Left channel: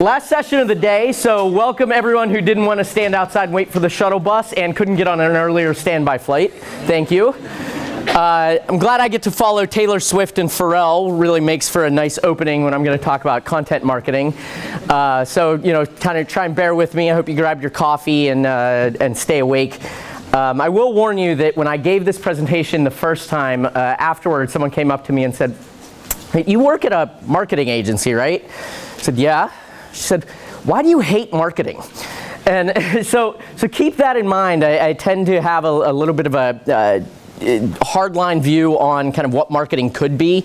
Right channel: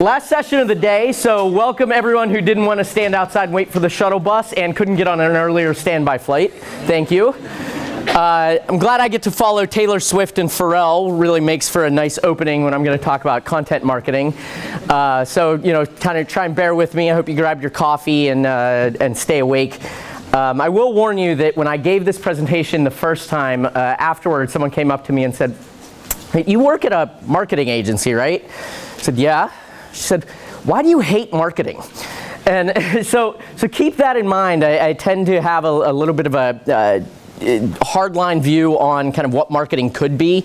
Last session of the day, so welcome everyone who didn't want to stand outside and wait for the shuttle bus and couldn't get on an earlier standby flight. Thank you. I'm glad I get to follow Taylor Swift and Pharrell. Really makes for a nice opening when I'm going to talk about content marketing. So, kind of try and bear with me. I hope you grabbed your coffee and stay awake. I will warn you that when I gave this presentation the first time, afterwards someone came up to me and said, "Hey, you work at a marketing agency, right?" I said, "Yeah." She said, "Why do you hate marketing?" And so keep that in mind. I tend to have a little bit of a hardline view on kind of what marketing could be,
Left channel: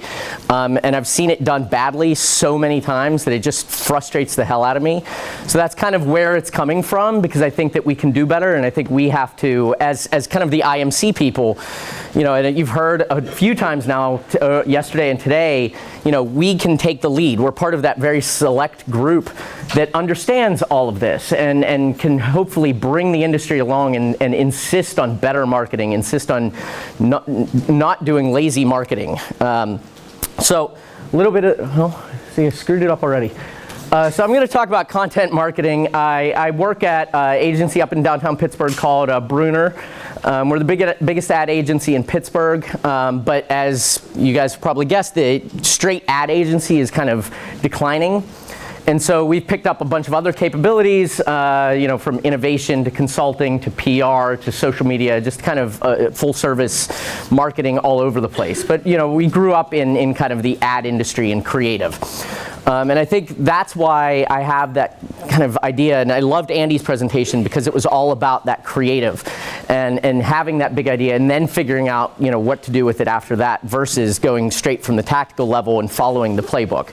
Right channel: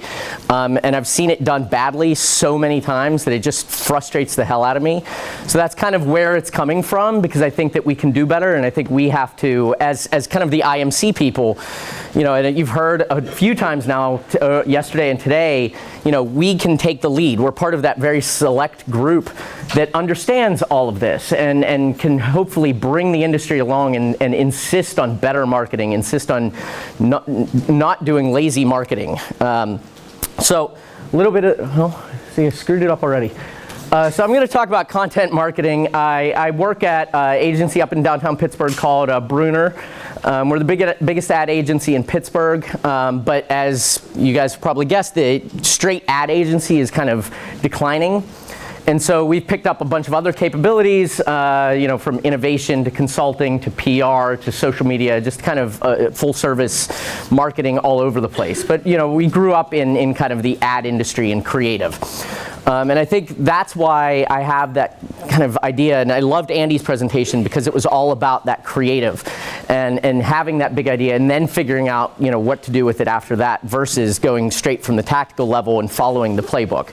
and I've seen it done badly so many times that it just frustrates the hell out of me. So that's kind of where it's coming from, because I think that we can do better, and I think we have to, as kind of the IMC people, and you've heard a few times now, yesterday and today, we can take the lead. We're part of that very select group that understands all of this and can hopefully bring the industry along and insist on better marketing, insist on not doing lazy marketing. So a little bit of, see, I screwed it up already. So I'm going to talk about content marketing. I work at an agency up in downtown Pittsburgh called Brunner. We're the biggest ad agency in Pittsburgh, but as you guys probably guessed, the straight ad agency is kind of declining. And so we've picked up a bunch of other capabilities, from innovation to consulting to PR to social media, just kind of full service marketing all over the place. But we grew up in kind of the ad industry and creative. And I think that's why I have that kind of idea. And I loved Andy's presentation because it was all about that creative and having that big idea and then figuring out what to do with it after that versus going straight from the tactical level and following the playbook.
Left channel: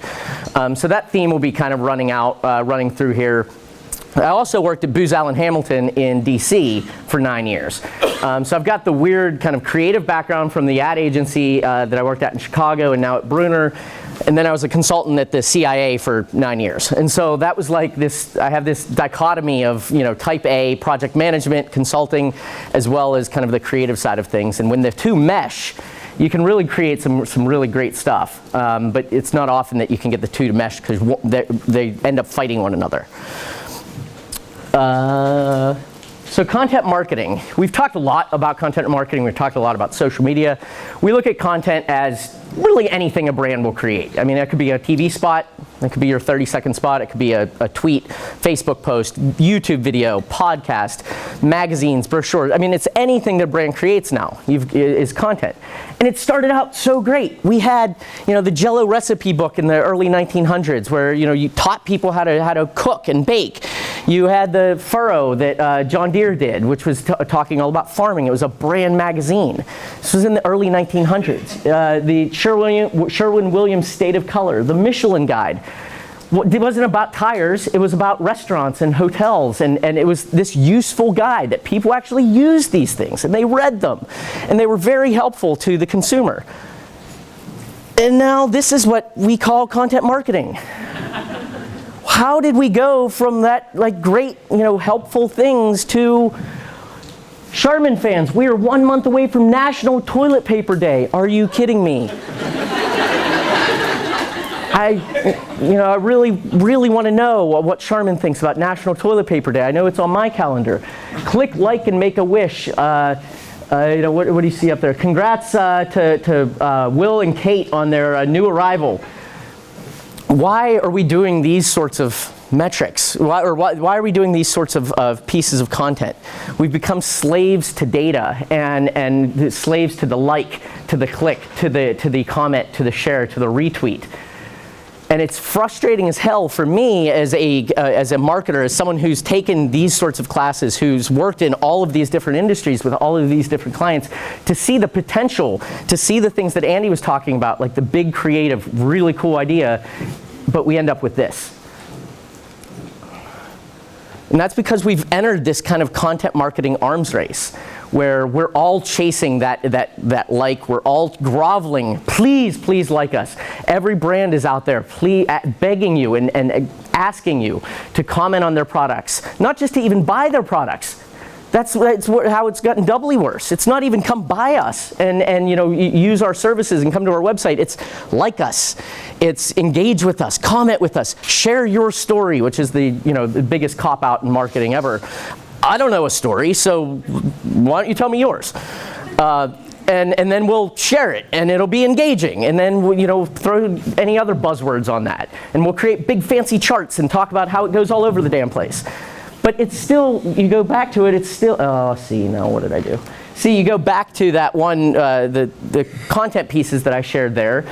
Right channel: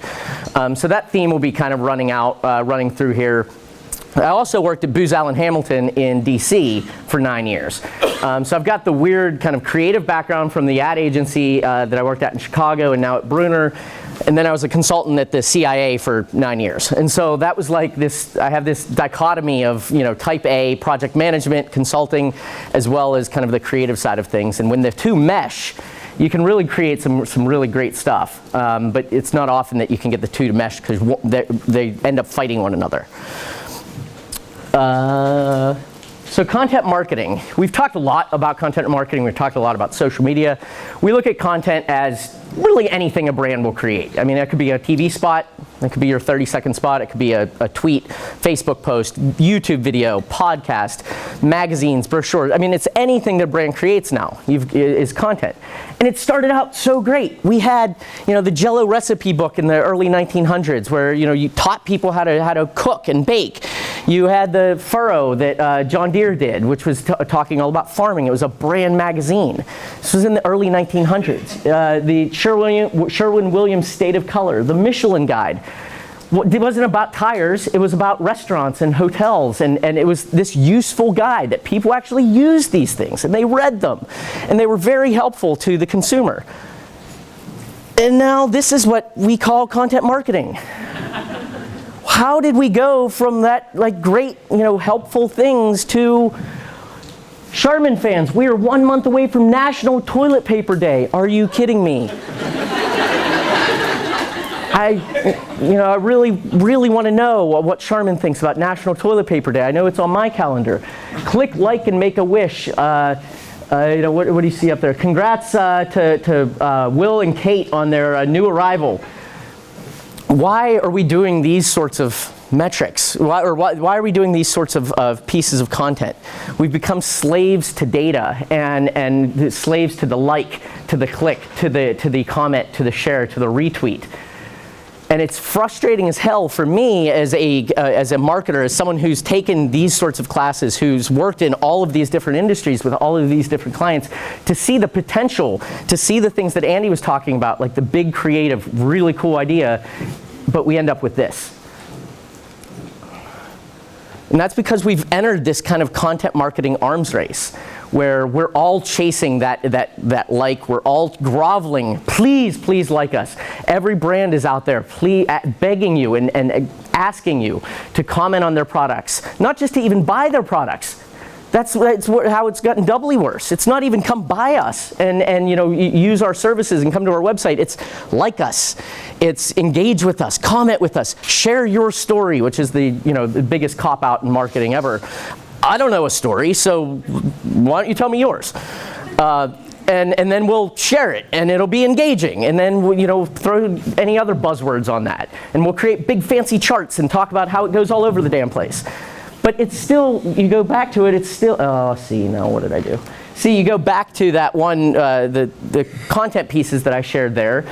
So that theme will be kind of running through here. I also worked at Booz Allen Hamilton in DC for 9 years. So I've got the weird kind of creative background from the ad agency that I worked at in Chicago and now at Brunner. And then I was a consultant at the CIA for 9 years. And so that was like this, I have this dichotomy of, type A, project management, consulting, as well as kind of the creative side of things. And when the two mesh, you can really create some really great stuff. But it's not often that you can get the two to mesh because they end up fighting one another. So content marketing. We've talked a lot about content marketing. We've talked a lot about social media. We look at content as really anything a brand will create. I mean, that could be a TV spot. It could be your 30-second spot. It could be a tweet, Facebook post, YouTube video, podcast, magazines, brochures. I mean, it's anything that a brand creates now is content. And it started out so great. We had, the Jell-O recipe book in the early 1900s where, you taught people how to cook and bake. You had the Furrow that John Deere did, which was talking all about farming. It was a brand magazine. This was in the early 1900s. The Sherwin-Williams State of Color, the Michelin Guide. It wasn't about tires, it was about restaurants and hotels, and it was this useful guide that people actually used these things, and they read them, and they were very helpful to the consumer. And now this is what we call content marketing. How did we go from that great, helpful things to Charmin fans? We are 1 month away from National Toilet Paper Day. Are you kidding me? I really, really want to know what Charmin thinks about National Toilet Paper Day. I know it's on my calendar. Click like and make a wish. What do you see up there? Congrats to Will and Kate on their new arrival. Why are we doing these sorts of metrics? Why are we doing these sorts of pieces of content? We've become slaves to data and slaves to the like, to the click, to the comment, to the share, to the retweet. And it's frustrating as hell for me as a marketer, as someone who's taken these sorts of classes, who's worked in all of these different industries with all of these different clients, to see the potential, to see the things that Andy was talking about, like the big creative, really cool idea, but we end up with this. And that's because we've entered this kind of content marketing arms race where we're all chasing that like, we're all groveling, please like us. Every brand is out there begging you and asking you to comment on their products, not just to even buy their products, how it's gotten doubly worse. It's not even come by us and use our services and come to our website. It's like us. It's engage with us, comment with us, share your story, which is the biggest cop-out in marketing ever. I don't know a story, so why don't you tell me yours? And then we'll share it, and it'll be engaging. And then throw any other buzzwords on that, and we'll create big fancy charts and talk about how it goes all over the damn place. But it's still, you go back to it, it's still, now what did I do? See, you go back to that one, the content pieces that I shared there.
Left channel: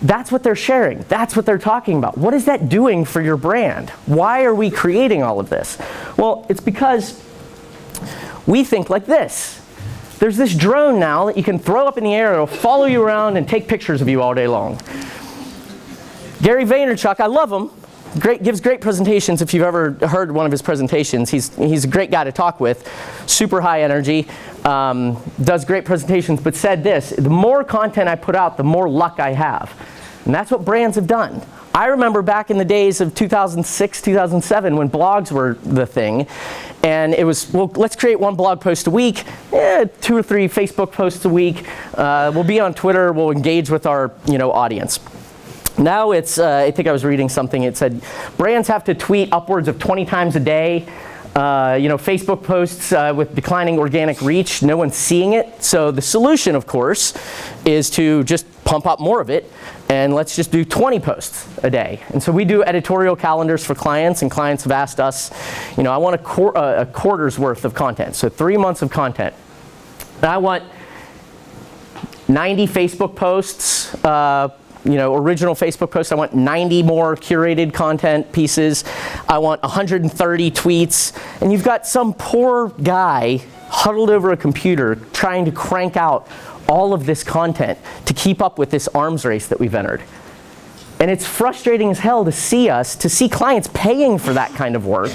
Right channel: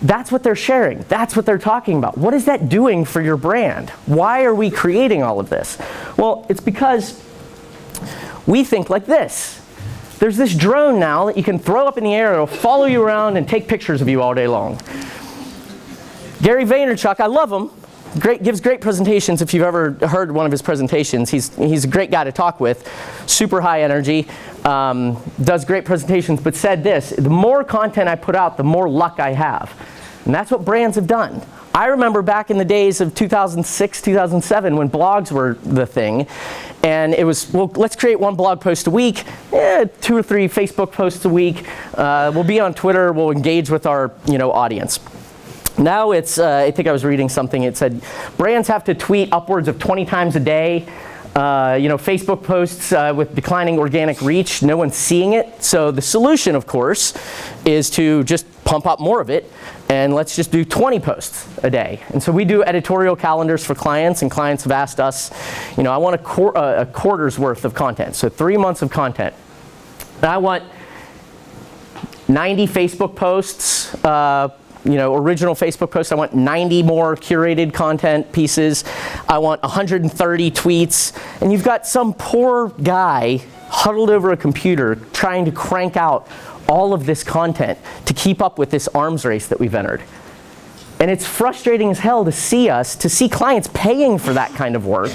That's what they're sharing. That's what they're talking about. What is that doing for your brand? Why are we creating all of this? Well, it's because we think like this. There's this drone now that you can throw up in the air. It'll follow you around and take pictures of you all day long. Gary Vaynerchuk, I love him. Gives great presentations. If you've ever heard one of his presentations, he's a great guy to talk with. Super high energy, does great presentations, but said this: the more content I put out, the more luck I have. And that's what brands have done. I remember back in the days of 2006, 2007, when blogs were the thing, and it was, well, let's create one blog post a week, 2 or 3 Facebook posts a week. We'll be on Twitter. We'll engage with our audience. Now it's, I think I was reading something, it said brands have to tweet upwards of 20 times a day. Facebook posts with declining organic reach, no one's seeing it. So the solution, of course, is to just pump up more of it, and let's just do 20 posts a day. And so we do editorial calendars for clients, and clients have asked us, I want a quarter's worth of content, so 3 months of content. And I want 90 Facebook posts, original Facebook posts. I want 90 more curated content pieces. I want 130 tweets. And you've got some poor guy huddled over a computer trying to crank out all of this content to keep up with this arms race that we've entered. And it's frustrating as hell to see clients paying for that kind of work,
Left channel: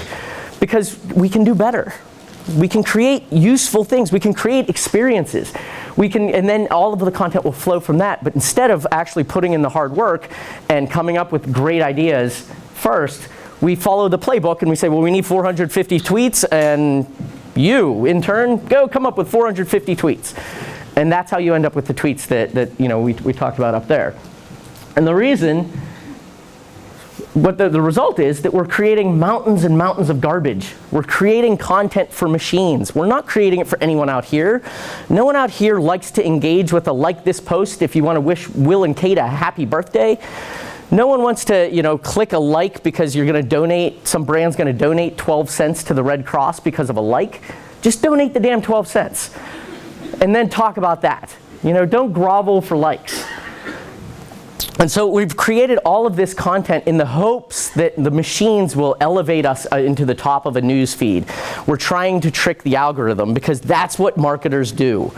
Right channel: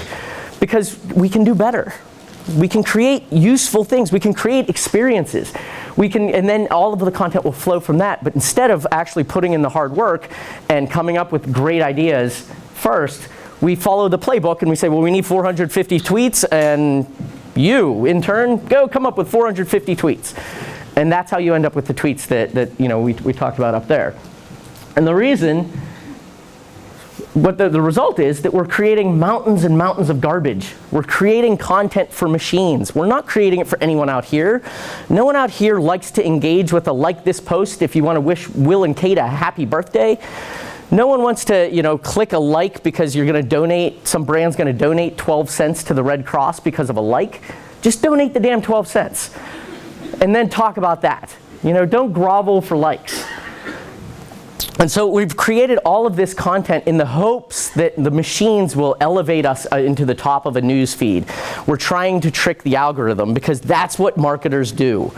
because we can do better. We can create useful things. We can create experiences. And then all of the content will flow from that. But instead of actually putting in the hard work and coming up with great ideas first, we follow the playbook and we say, well, we need 450 tweets, and you, in turn, go come up with 450 tweets. And that's how you end up with the tweets that we talked about up there. And the reason, the result is that we're creating mountains and mountains of garbage. We're creating content for machines. We're not creating it for anyone out here. No one out here likes to engage with a like this post if you want to wish Will and Kate a happy birthday. No one wants to, click a like because you're going to donate, some brand's going to donate 12 cents to the Red Cross because of a like. Just donate the damn 12 cents. And then talk about that. Don't grovel for likes. And so we've created all of this content in the hopes that the machines will elevate us into the top of a news feed. We're trying to trick the algorithm because that's what marketers do.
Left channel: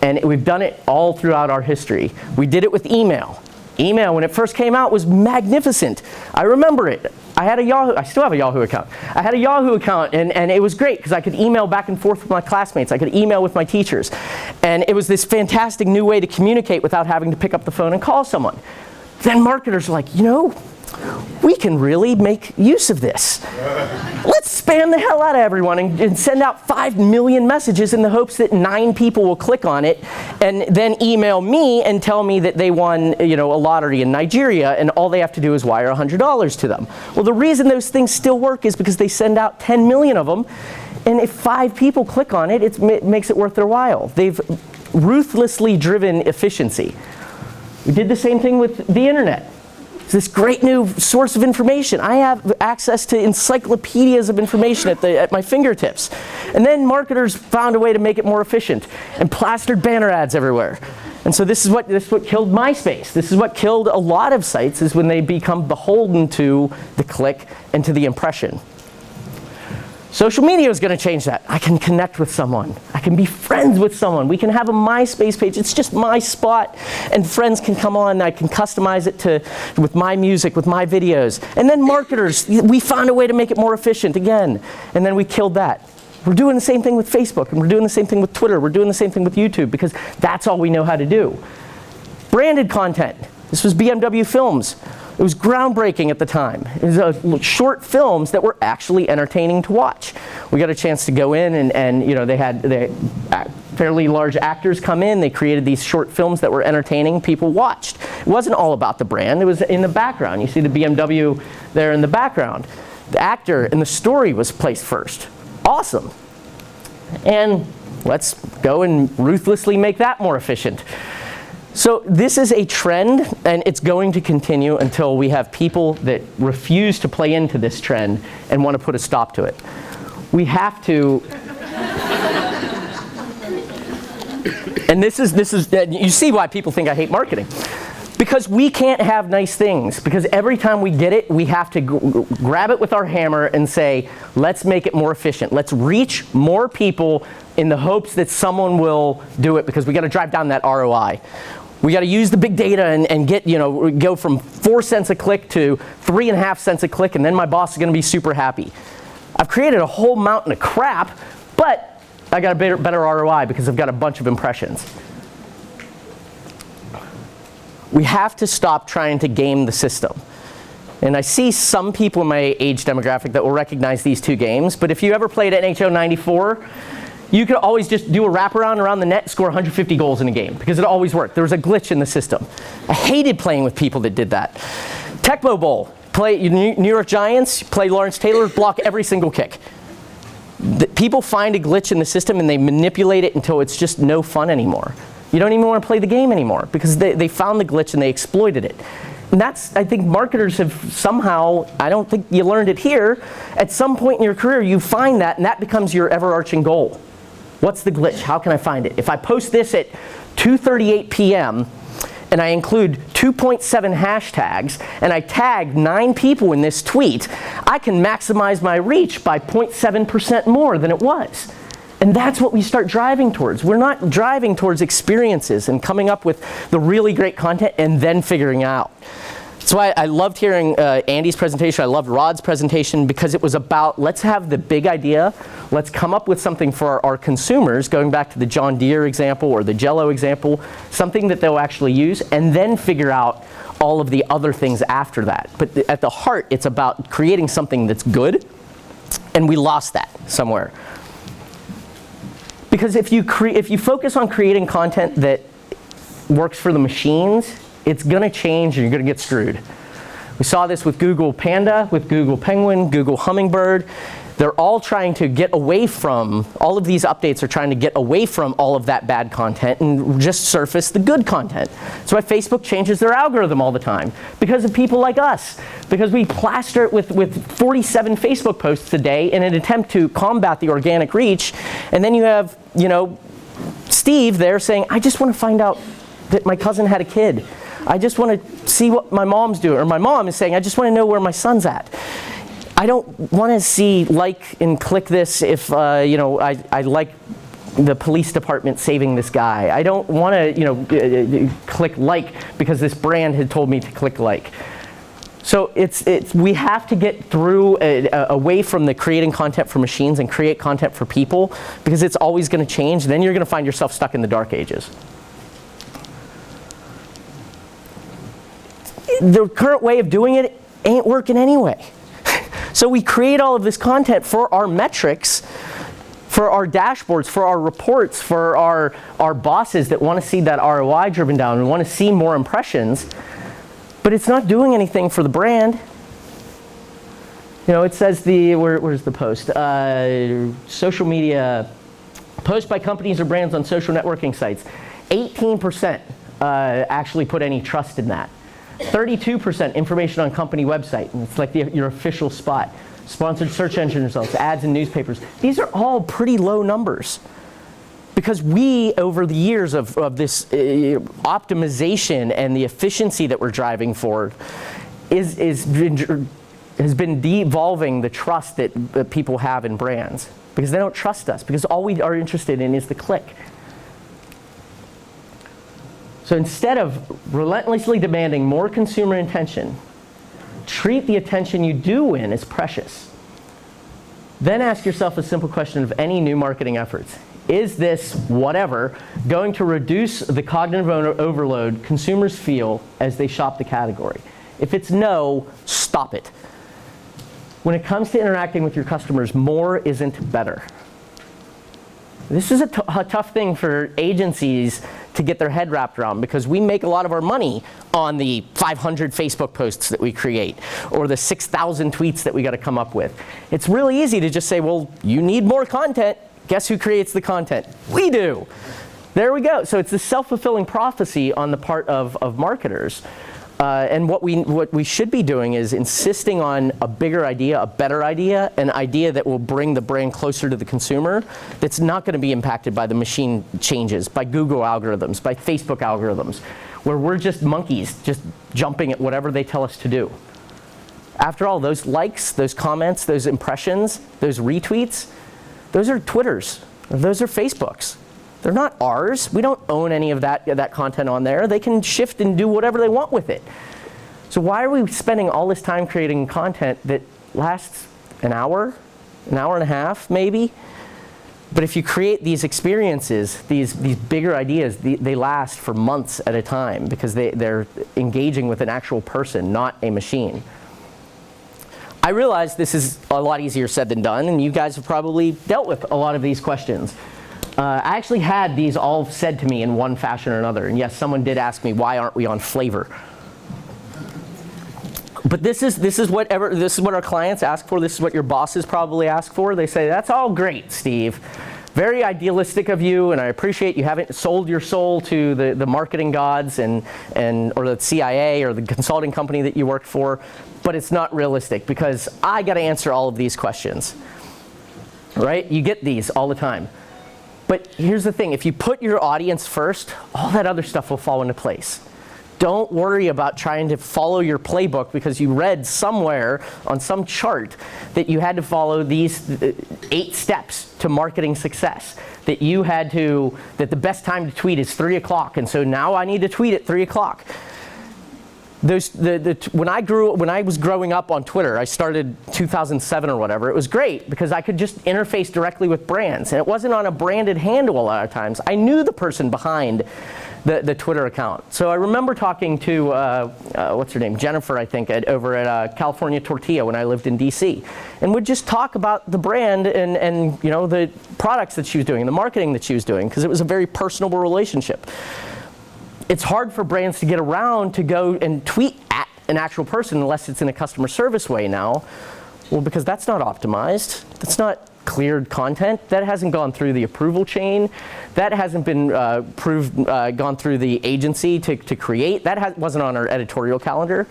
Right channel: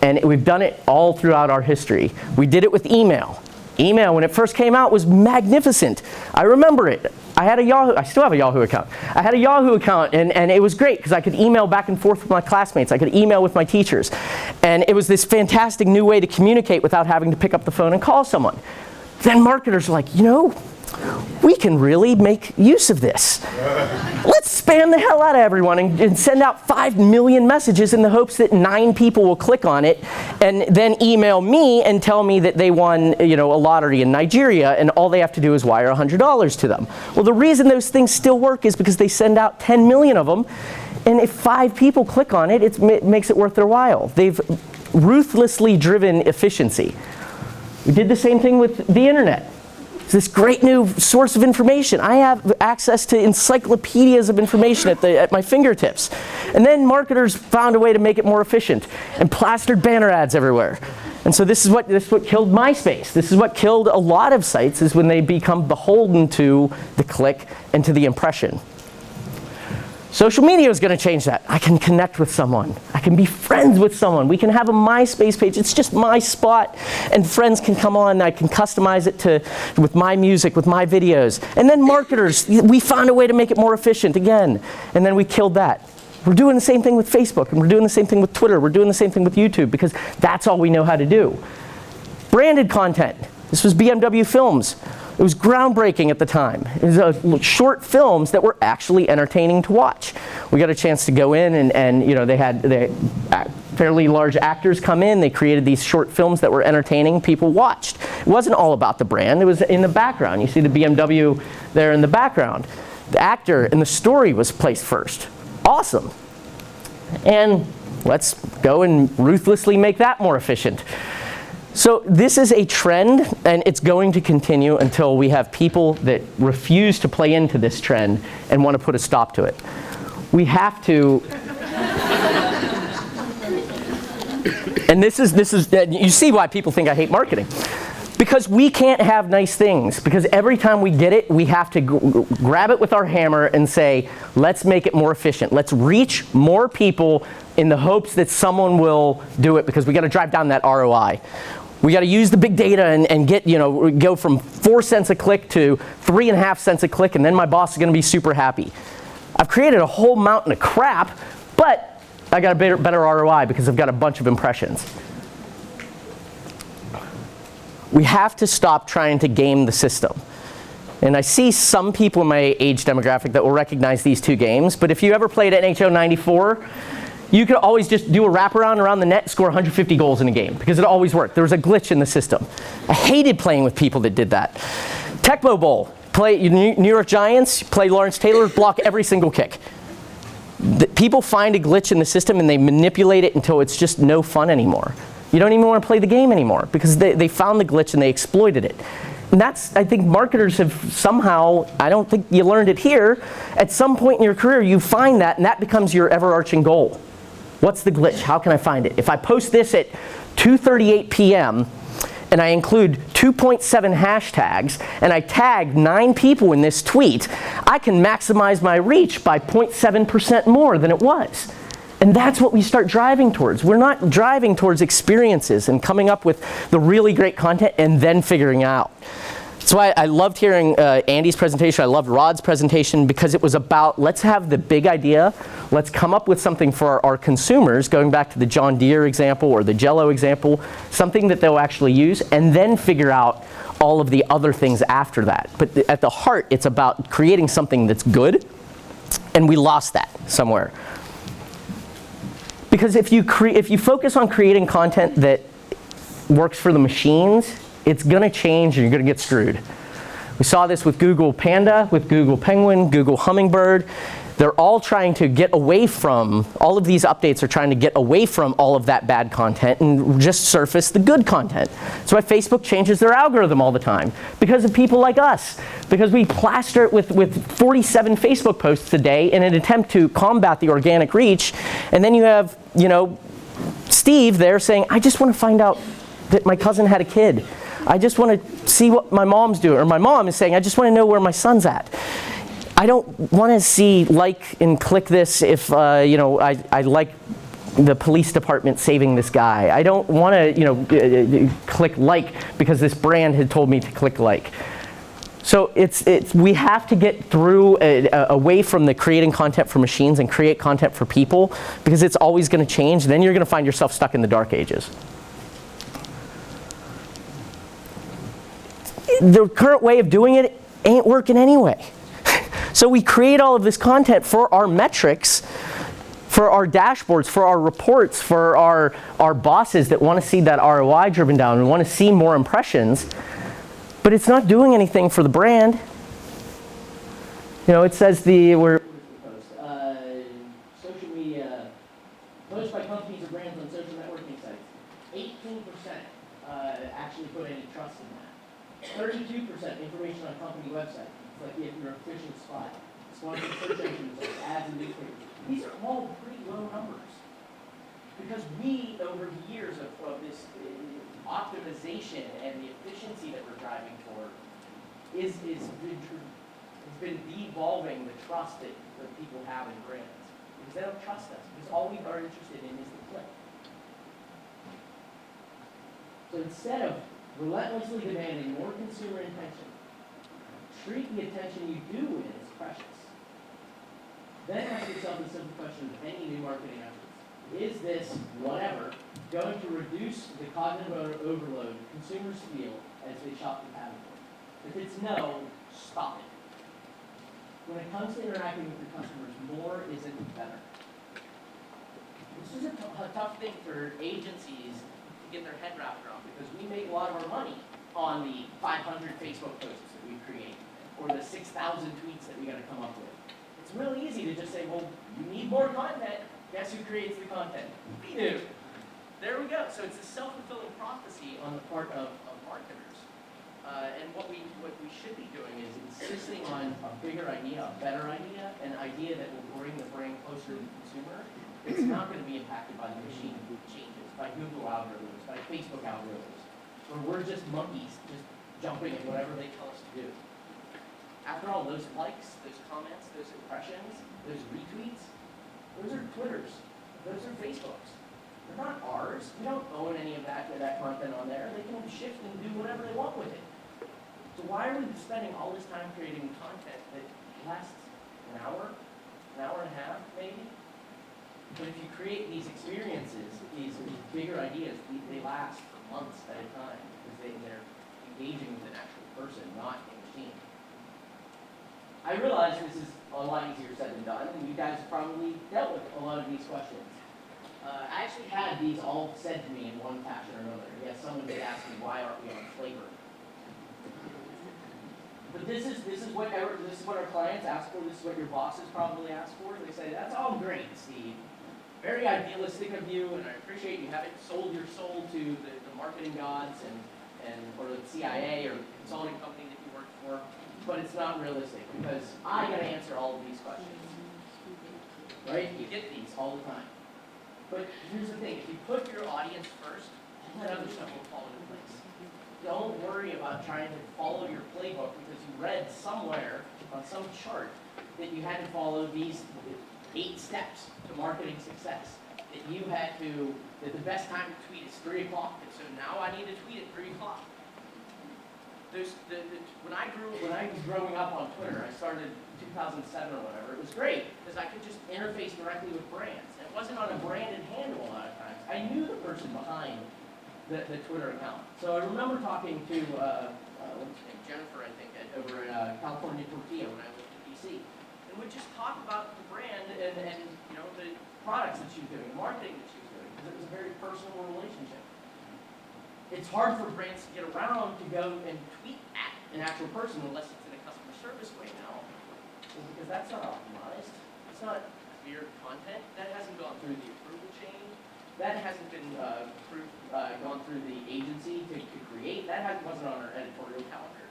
And we've done it all throughout our history. We did it with email. Email, when it first came out, was magnificent. I remember it. I still have a Yahoo account. I had a Yahoo account, and it was great because I could email back and forth with my classmates. I could email with my teachers. And it was this fantastic new way to communicate without having to pick up the phone and call someone. Then marketers are like, we can really make use of this. Let's spam the hell out of everyone and send out 5 million messages in the hopes that 9 people will click on it and then email me and tell me that they won, a lottery in Nigeria, and all they have to do is wire $100 to them. Well, the reason those things still work is because they send out 10 million of them, and if 5 people click on it, it makes it worth their while. They've ruthlessly driven efficiency. We did the same thing with the internet. It's this great new source of information. I have access to encyclopedias of information at my fingertips. And then marketers found a way to make it more efficient and plastered banner ads everywhere. And so this is what killed MySpace. This is what killed a lot of sites, is when they become beholden to the click and to the impression. Social media is going to change that. I can connect with someone. I can be friends with someone. We can have a MySpace page. It's just my spot, and friends can come on. I can customize it with my music, with my videos. And then marketers, we found a way to make it more efficient again, and then we killed that. We're doing the same thing with Facebook, and we're doing the same thing with Twitter. We're doing the same thing with YouTube, because that's all we know how to do. Branded content. This was BMW Films. It was groundbreaking at the time. It was short films that were actually entertaining to watch. we got a chance to go in and they had fairly large actors come in. They created these short films that were entertaining. People watched. It wasn't all about the brand. It was in the background. You see the BMW there in the background. The actor and the story was placed first. Awesome. And let's go and ruthlessly make that more efficient. So this is a trend, and it's going to continue until we have people that refuse to play into this trend and want to put a stop to it. We have to. And this is you see why people think I hate marketing. Because we can't have nice things. Because every time we get it, we have to grab it with our hammer and say, let's make it more efficient. Let's reach more people in the hopes that someone will do it, because we got to drive down that ROI. We got to use the big data and get, go from 4 cents a click to 3.5 cents a click, and then my boss is going to be super happy. I've created a whole mountain of crap, but I got a better ROI because I've got a bunch of impressions. We have to stop trying to game the system. And I see some people in my age demographic that will recognize these two games, but if you ever played NHL 94, you could always just do a wraparound around the net and score 150 goals in a game, because it always worked. There was a glitch in the system. I hated playing with people that did that. Tecmo Bowl, play New York Giants, play Lawrence Taylor, block every single kick. People find a glitch in the system and they manipulate it until it's just no fun anymore. You don't even want to play the game anymore because they found the glitch and they exploited it. And that's, I think marketers have somehow, I don't think you learned it here, at some point in your career you find that and that becomes your overarching goal. What's the glitch? How can I find it? If I post this at 2:38 p.m. and I include 2.7 hashtags and I tag 9 people in this tweet, I can maximize my reach by 0.7% more than it was. And that's what we start driving towards. We're not driving towards experiences and coming up with the really great content and then figuring out. That's why I loved hearing Andy's presentation. I loved Rod's presentation, because it was about, let's have the big idea. Let's come up with something for our consumers, going back to the John Deere example or the Jell-O example, something that they'll actually use, and then figure out all of the other things after that. But at the heart, it's about creating something that's good, and we lost that somewhere. Because if you focus on creating content that works for the machines, it's going to change and you're going to get screwed. We saw this with Google Panda, with Google Penguin, Google Hummingbird. They're all trying to get away from, all of these updates are trying to get away from all of that bad content and just surface the good content. That's why Facebook changes their algorithm all the time, because of people like us. Because we plaster it with 47 Facebook posts a day in an attempt to combat the organic reach. And then you have, Steve there saying, I just want to find out that my cousin had a kid. I just want to see what my mom's doing. Or my mom is saying, I just want to know where my son's at. I don't want to see like and click this if I like the police department saving this guy. I don't want to click like because this brand had told me to click like. So we have to get through away from the creating content for machines and create content for people, because it's always going to change. Then you're going to find yourself stuck in the dark ages. The current way of doing it ain't working anyway. So we create all of this content for our metrics, for our dashboards, for our reports, for our bosses that want to see that ROI driven down and want to see more impressions, but it's not doing anything for the brand. It says where's the post? Social media, post by companies or brands on social networking sites. 18% actually put any trust in that. 32% information on company website, and it's like your official spot. Sponsored search engine results, ads in newspapers. These are all pretty low numbers. Because we, over the years of this optimization and the efficiency that we're driving for, has been devolving the trust that people have in brands. Because they don't trust us, because all we are interested in is the click. So instead of relentlessly demanding more consumer attention, treat the attention you do win as precious. Then ask yourself a simple question of any new marketing efforts. Is this, whatever, going to reduce the cognitive overload consumers feel as they shop the category? If it's no, stop it. when it comes to interacting with your customers, more isn't better. This is a tough thing for agencies to get their head wrapped around, because we make a lot of our money on the 500 Facebook posts that we create or the 6,000 tweets that we got to come up with. It's really easy to just say, well, you need more content. Guess who creates the content? We do. There we go. So it's a self-fulfilling prophecy on the part of marketers. And what we should be doing is insisting on a bigger idea, a better idea, an idea that will bring the brand closer to the consumer, that's not going to be impacted by the machine changes, by Google algorithms, by Facebook algorithms, where we're just monkeys, just jumping at whatever they tell us to do. After all, those likes, those comments, those impressions, those retweets, those are Twitters, those are Facebooks. They're not ours. We don't own any of that content on there. They can shift and do whatever they want with it. So why are we spending all this time creating content that lasts an hour and a half maybe? But if you create these experiences, these bigger ideas, they last for months at a time, because they're engaging with an actual person, not a machine. I realize this is a lot easier said than done, and you guys have probably dealt with a lot of these questions. I actually had these all said to me in one fashion or another. And yes, someone did ask me, why aren't we on flavor? But this is what our clients ask for. This is what your bosses probably ask for. They say, that's all great, Steve. Very idealistic of you, and I appreciate you haven't sold your soul to the marketing gods or the CIA or the consulting company that you worked for. But it's not realistic, because I got to answer all of these questions. Right? You get these all the time. But here's the thing, if you put your audience first, all that other stuff will fall into place. Don't worry about trying to follow your playbook because you read somewhere on some chart that you had to follow these 8 steps to marketing success. That the best time to tweet is 3 o'clock, and so now I need to tweet at 3 o'clock. When I was growing up on Twitter, I started 2007 or whatever, it was great because I could just interface directly with brands, and it wasn't on a branded handle a lot of times. I knew the person behind the Twitter account. So I remember talking to, what's her name, Jennifer, I think, over at California Tortilla when I lived in DC, and would just talk about the brand and the products that she was doing, the marketing that she was doing, because it was a very personable relationship. It's hard for brands to get around to go and tweet at an actual person unless it's in a customer service way now. Well, because that's not optimized. That's not cleared content. That hasn't gone through the approval chain. That hasn't been gone through the agency to create. That wasn't on our editorial calendar.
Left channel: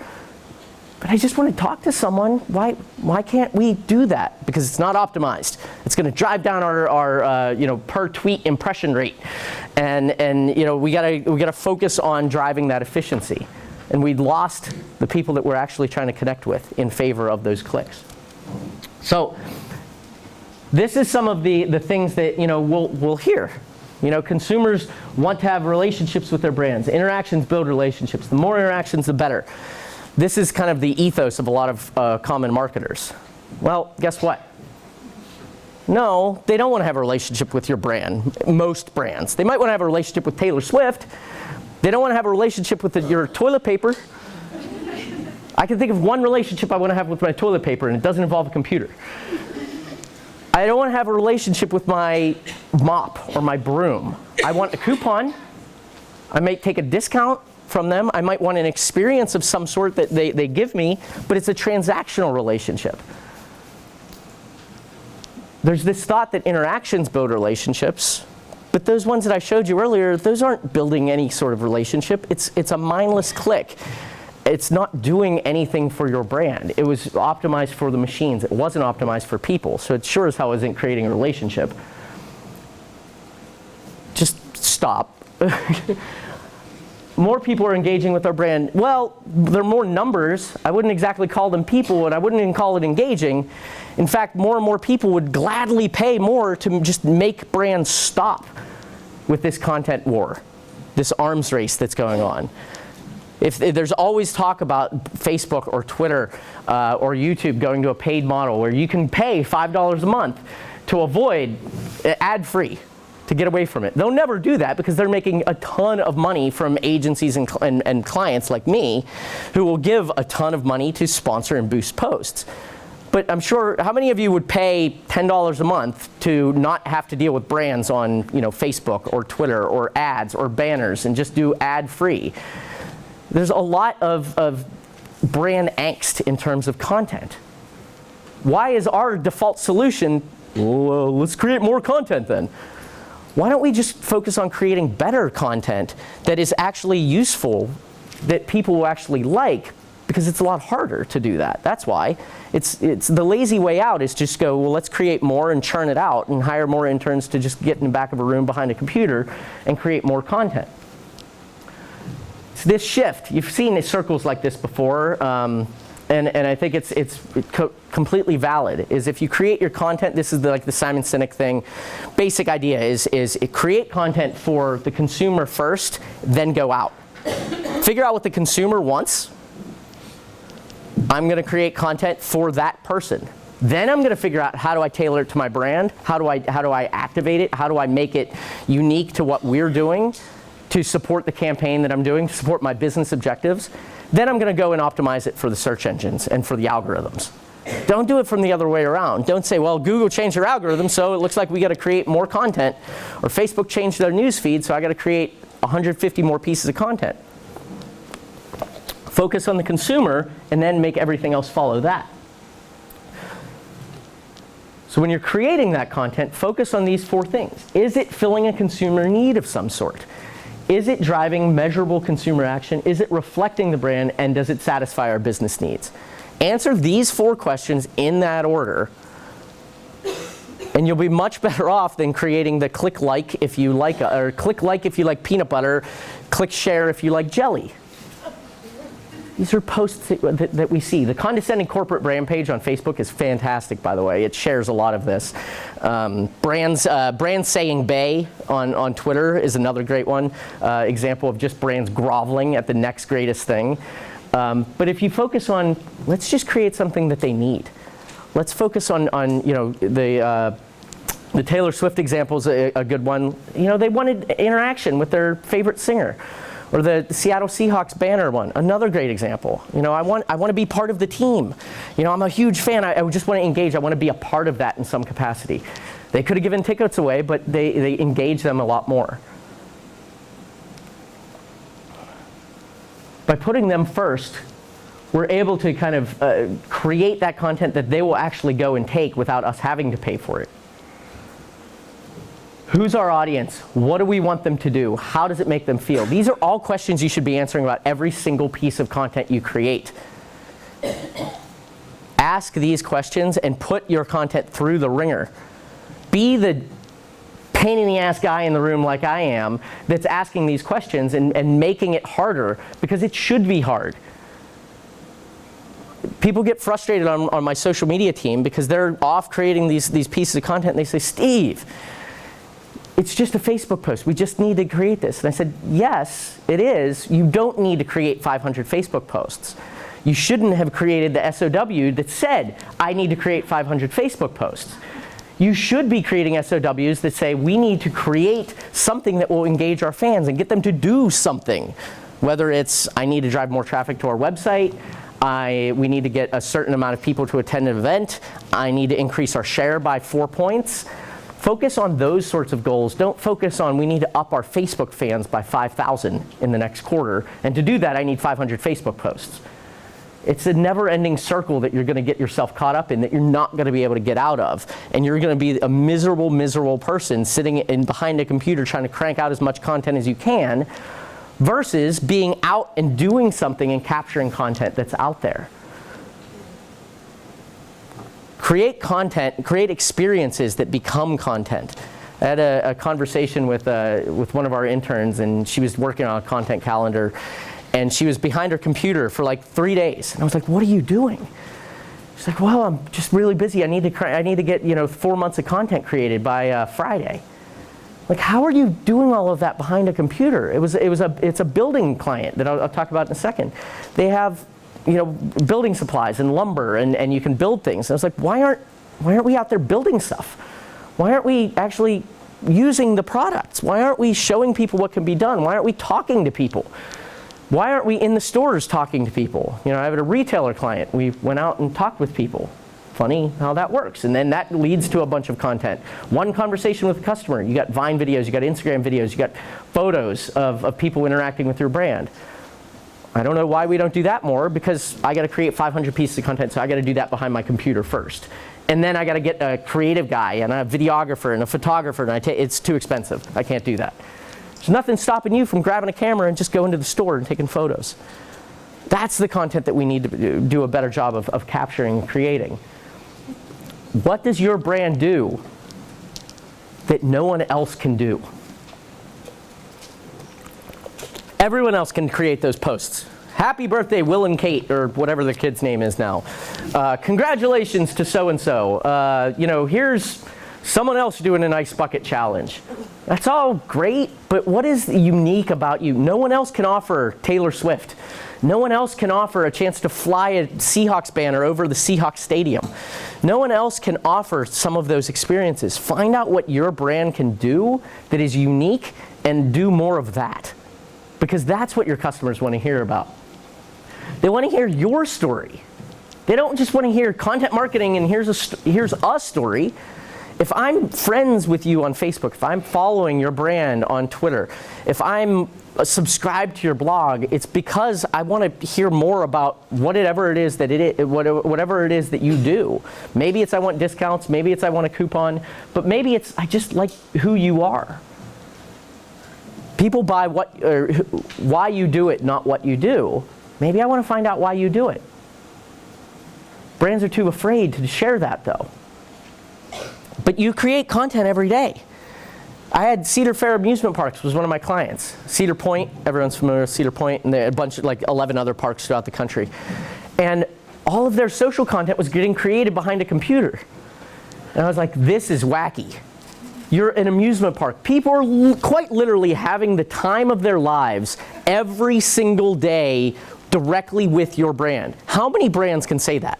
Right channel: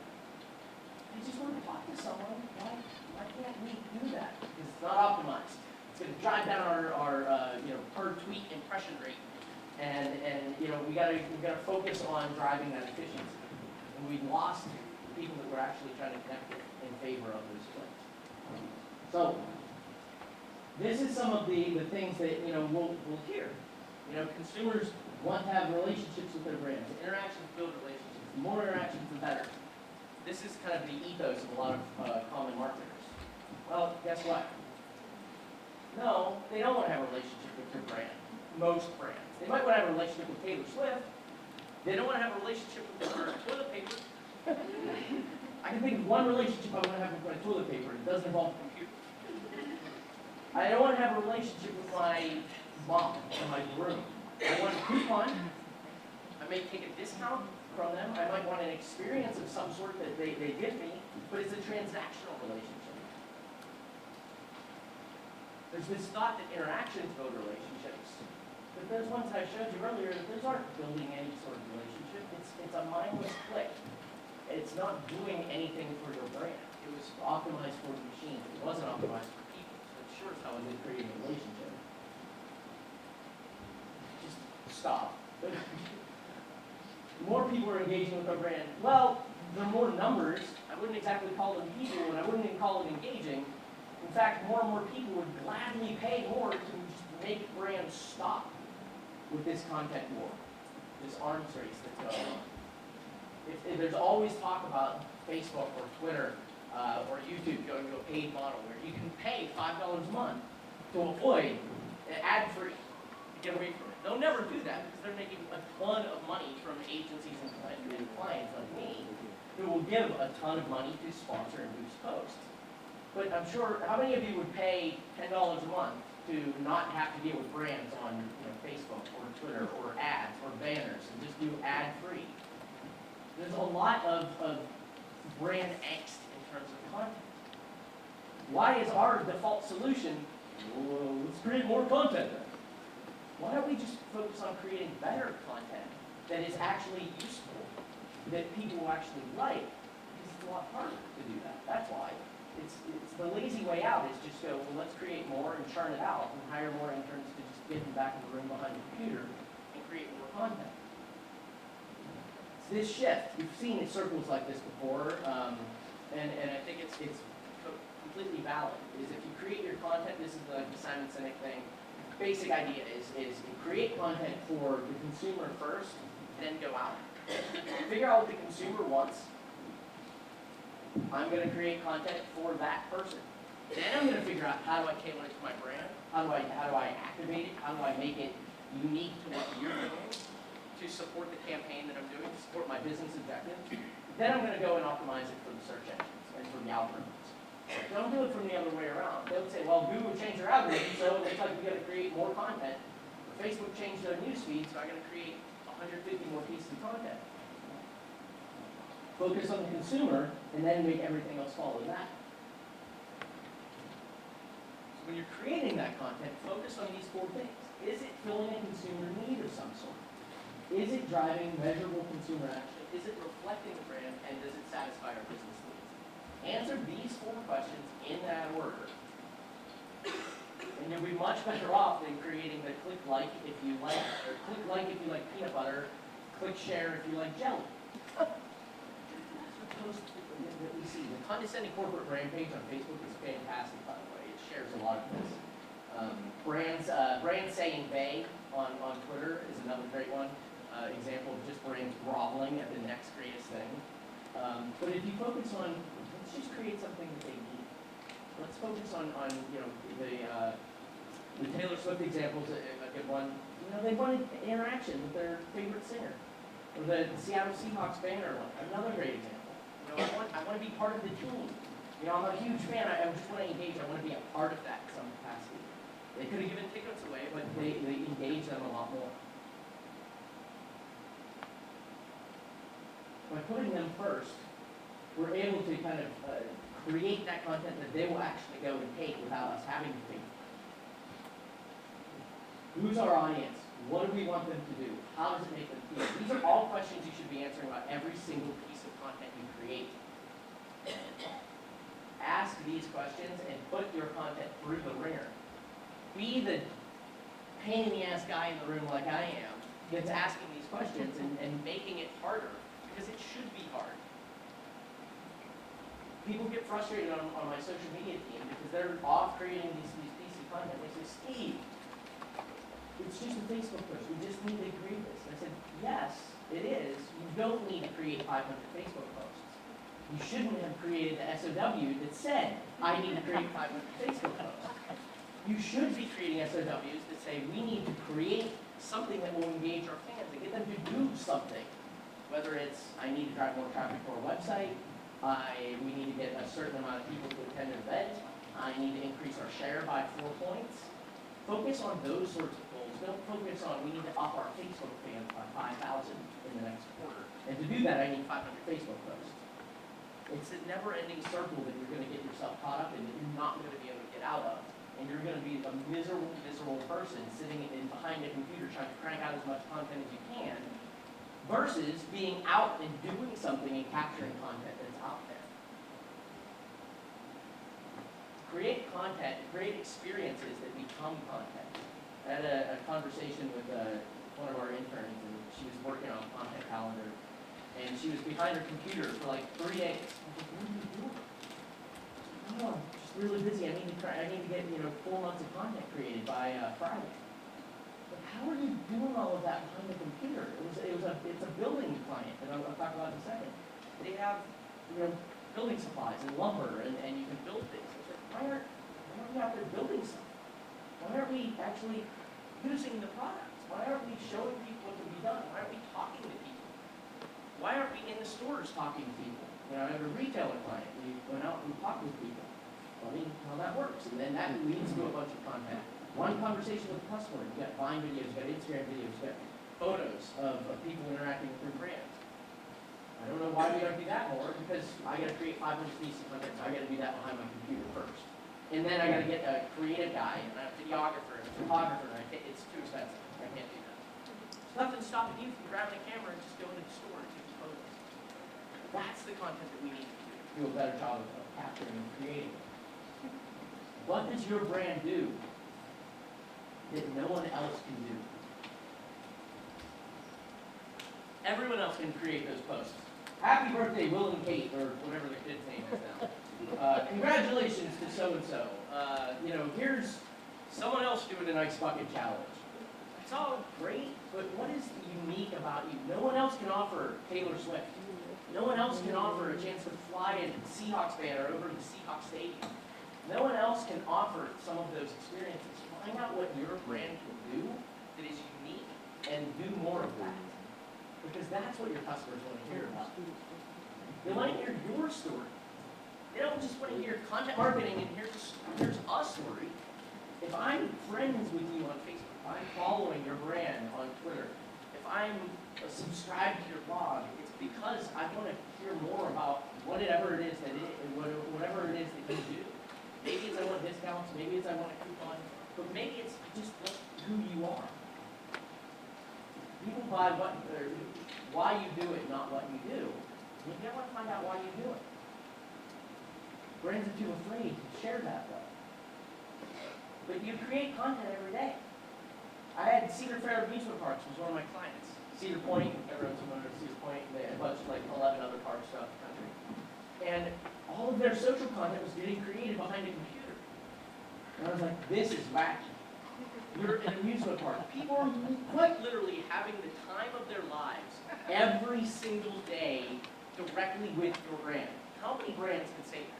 But I just want to talk to someone. Why can't we do that? Because it's not optimized. It's going to drive down our per tweet impression rate, and we gotta focus on driving that efficiency. And we'd lost the people that we're actually trying to connect with in favor of those clicks. So this is some of the things that we'll hear. Consumers want to have relationships with their brands. Interactions build relationships. The more interactions, the better. This is kind of the ethos of a lot of common marketers. Well, guess what? No, they don't want to have a relationship with your brand, most brands. They might want to have a relationship with Taylor Swift. They don't want to have a relationship with your toilet paper. I can think of one relationship I want to have with my toilet paper, and it doesn't involve a computer. I don't want to have a relationship with my mop or my broom. I want a coupon. I may take a discount from them. I might want an experience of some sort that they give me, but it's a transactional relationship. There's this thought that interactions build relationships, but those ones that I showed you earlier, those aren't building any sort of relationship. It's a mindless click. It's not doing anything for your brand. It was optimized for the machines. It wasn't optimized for people, so it sure as hell isn't creating a relationship. Just stop. More people are engaging with our brand. Well, they're more numbers. I wouldn't exactly call them people, and I wouldn't even call it engaging. In fact, more and more people would gladly pay more to just make brands stop with this content war, this arms race that's going on. If there's always talk about Facebook or Twitter or YouTube going to a paid model where you can pay $5 a month to avoid ad-free, to get away from it. They'll never do that because they're making a ton of money from agencies and clients like me who will give a ton of money to sponsor and boost posts. But I'm sure, how many of you would pay $10 a month to not have to deal with brands on Facebook or Twitter or ads or banners and just do ad-free? There's a lot of brand angst in terms of content. Why is our default solution, well, let's create more content then? Why don't we just focus on creating better content that is actually useful, that people will actually like? Because it's a lot harder to do that. That's why. It's the lazy way out is just go, well, let's create more and churn it out and hire more interns to just get in the back of a room behind a computer and create more content. It's this shift. You've seen circles like this before. And I think it's completely valid, is if you create your content, this is like the Simon Sinek thing. Basic idea is create content for the consumer first, then go out. Figure out what the consumer wants. I'm going to create content for that person. Then I'm going to figure out, how do I tailor it to my brand? How do I activate it? How do I make it unique to what we're doing to support the campaign that I'm doing, to support my business objectives? Then I'm going to go and optimize it for the search engines and for the algorithms. Don't do it from the other way around. Don't say, well, Google changed their algorithm, so it looks like we got to create more content. Or Facebook changed their news feed, so I got to create 150 more pieces of content. Focus on the consumer, and then make everything else follow that. So when you're creating that content, focus on these 4 things. Is it filling a consumer need of some sort? Is it driving measurable consumer action? Is it reflecting the brand? And does it satisfy our business needs? Answer these 4 questions in that order, and you'll be much better off than creating the click like if you like, or click like if you like peanut butter, click share if you like jelly. These are posts that we see. The condescending corporate brand page on Facebook is fantastic, by the way. It shares a lot of this. Brands saying "bay" on Twitter is another great one. Example of just brands groveling at the next greatest thing. But if you focus on, let's just create something that they need. Let's focus on the Taylor Swift example is a good one. They wanted interaction with their favorite singer. Or the Seattle Seahawks banner one, another great example. I want to be part of the team. I'm a huge fan. I just want to engage. I want to be a part of that in some capacity. They could have given tickets away, but they engage them a lot more. By putting them first, we're able to kind of create that content that they will actually go and take without us having to pay for it. Who's our audience? What do we want them to do? How does it make them feel? These are all questions you should be answering about every single piece of content you create. Ask these questions and put your content through the ringer. Be the pain in the ass guy in the room like I am that's asking these questions and making it harder, because it should be hard. People get frustrated on my social media team because they're off creating these pieces of content and they say, Steve, it's just a Facebook post. We just need to create this. And I said, yes, it is. You don't need to create 500 Facebook posts. You shouldn't have created the SOW that said, I need to create 500 Facebook posts. You should be creating SOWs that say, we need to create something that will engage our fans and get them to do something. Whether it's, I need to drive more traffic to our website, we need to get a certain amount of people to attend an event, I need to increase our share by 4 points. Focus on those sorts of goals. Don't focus on, we need to up our Facebook fans by 5,000 in the next quarter. And to do that, I need 500 Facebook posts. It's a never-ending circle that you're going to get yourself caught up in that you're not going to be able to get out of. And you're going to be a miserable, miserable person sitting behind a computer trying to crank out as much content as you can, versus being out and doing something and capturing content that's out there. Create content, create experiences that become content. I had a conversation with one of our interns, and she was working on a content calendar, and she was behind her computer for like 3 days. And I was like, what are you doing? She's like, well, I'm just really busy. I need to get 4 months of content created by Friday. Like, how are you doing all of that behind a computer? It's a building client that I'll talk about in a second. They have building supplies and lumber, and you can build things. And I was like, why aren't we out there building stuff? Why aren't we actually using the products? Why aren't we showing people what can be done? Why aren't we talking to people? Why aren't we in the stores talking to people? I have a retailer client. We went out and talked with people. Funny how that works. And then that leads to a bunch of content. One conversation with a customer. You got Vine videos, you got Instagram videos, you got photos of people interacting with your brand. I don't know why we don't do that more, because I got to create 500 pieces of content, so I got to do that behind my computer first. And then I got to get a creative guy and a videographer and a photographer, and it's too expensive. I can't do that. There's nothing stopping you from grabbing a camera and just going to the store and taking photos. That's the content that we need to do a better job of capturing and creating. What does your brand do that no one else can do? Everyone else can create those posts. Happy birthday, Will and Kate, or whatever the kid's name is now. Congratulations to so-and-so. Here's someone else doing an ice bucket challenge. That's all great, but what is unique about you? No one else can offer Taylor Swift. No one else can offer a chance to fly a Seahawks banner over the Seahawks stadium. No one else can offer some of those experiences. Find out what your brand can do that is unique and do more of that. Because that's what your customers want to hear about. They want to hear your story. They don't just want to hear content marketing and here's a story. If I'm friends with you on Facebook, if I'm following your brand on Twitter, if I'm subscribed to your blog, it's because I want to hear more about whatever it is that you do. Maybe it's I want discounts, maybe it's I want a coupon, but maybe it's I just like who you are. People buy why you do it, not what you do. Maybe I want to find out why you do it. Brands are too afraid to share that, though. But you create content every day. I had Cedar Fair Amusement Parks was one of my clients. Cedar Point, everyone's familiar with Cedar Point, and they had a bunch of 11 other parks throughout the country. And all of their social content was getting created behind a computer. And I was like, this is wacky. You're an amusement park. People are quite literally having the time of their lives every single day directly with your brand. How many brands can say that?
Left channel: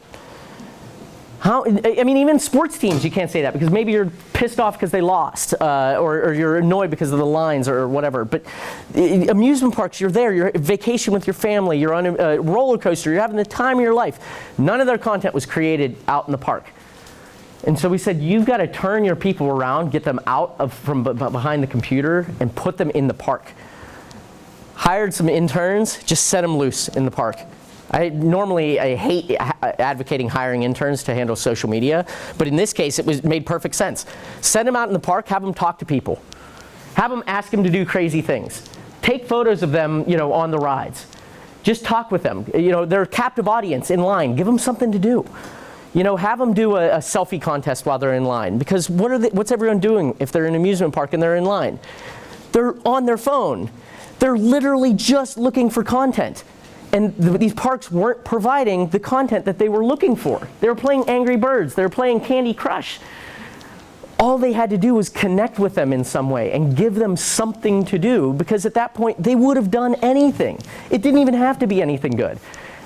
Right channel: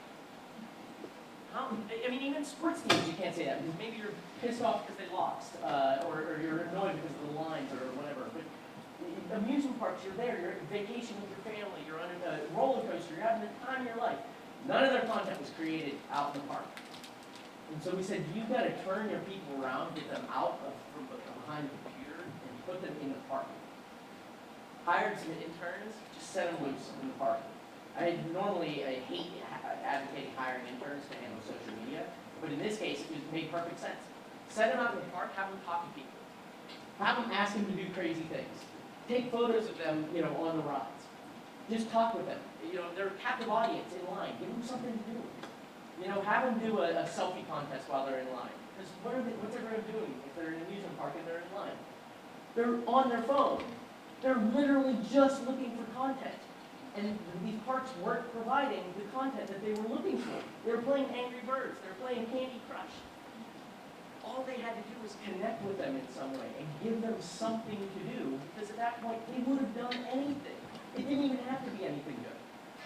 Even sports teams, you can't say that because maybe you're pissed off because they lost or you're annoyed because of the lines or whatever. But amusement parks, you're there, you're vacation with your family, you're on a roller coaster, you're having the time of your life. None of their content was created out in the park. And so we said, you've got to turn your people around, get them out from behind the computer, and put them in the park. Hired some interns, just set them loose in the park. I hate advocating hiring interns to handle social media, but in this case, it made perfect sense. Send them out in the park, have them talk to people. Have them ask them to do crazy things. Take photos of them, on the rides. Just talk with them. They're a captive audience in line. Give them something to do. Have them do a selfie contest while they're in line. Because what's everyone doing if they're in an amusement park and they're in line? They're on their phone. They're literally just looking for content. And these parks weren't providing the content that they were looking for. They were playing Angry Birds. They were playing Candy Crush. All they had to do was connect with them in some way and give them something to do, because at that point, they would have done anything. It didn't even have to be anything good.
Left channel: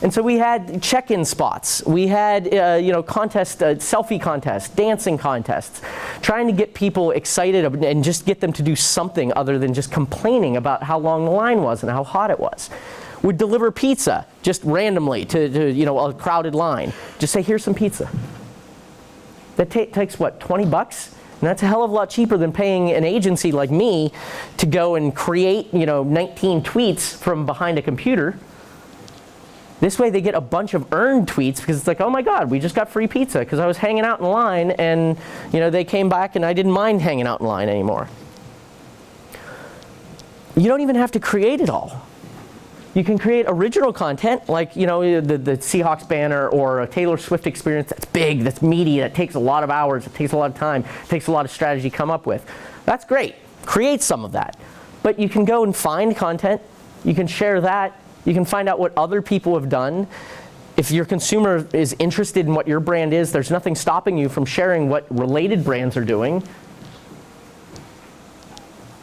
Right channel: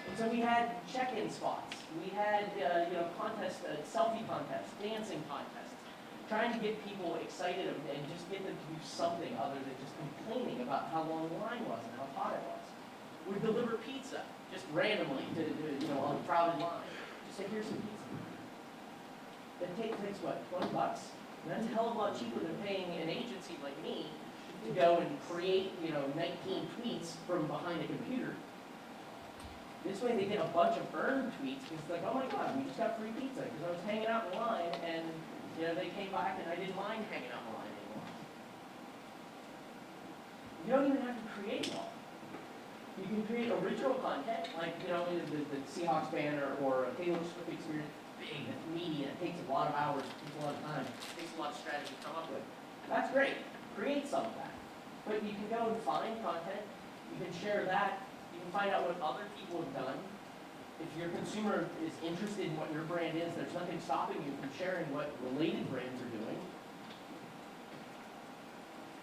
And so we had check-in spots. We had selfie contests, dancing contests, trying to get people excited and just get them to do something other than just complaining about how long the line was and how hot it was. We'd deliver pizza just randomly to a crowded line. Just say, here's some pizza. That takes what, 20 bucks? And that's a hell of a lot cheaper than paying an agency like me to go and create 19 tweets from behind a computer. This way they get a bunch of earned tweets because it's like, oh my God, we just got free pizza because I was hanging out in line and they came back and I didn't mind hanging out in line anymore. You don't even have to create it all. You can create original content like the Seahawks banner or a Taylor Swift experience that's big, that's meaty, that takes a lot of hours, it takes a lot of time, it takes a lot of strategy to come up with. That's great. Create some of that. But you can go and find content. You can share that. You can find out what other people have done. If your consumer is interested in what your brand is, there's nothing stopping you from sharing what related brands are doing.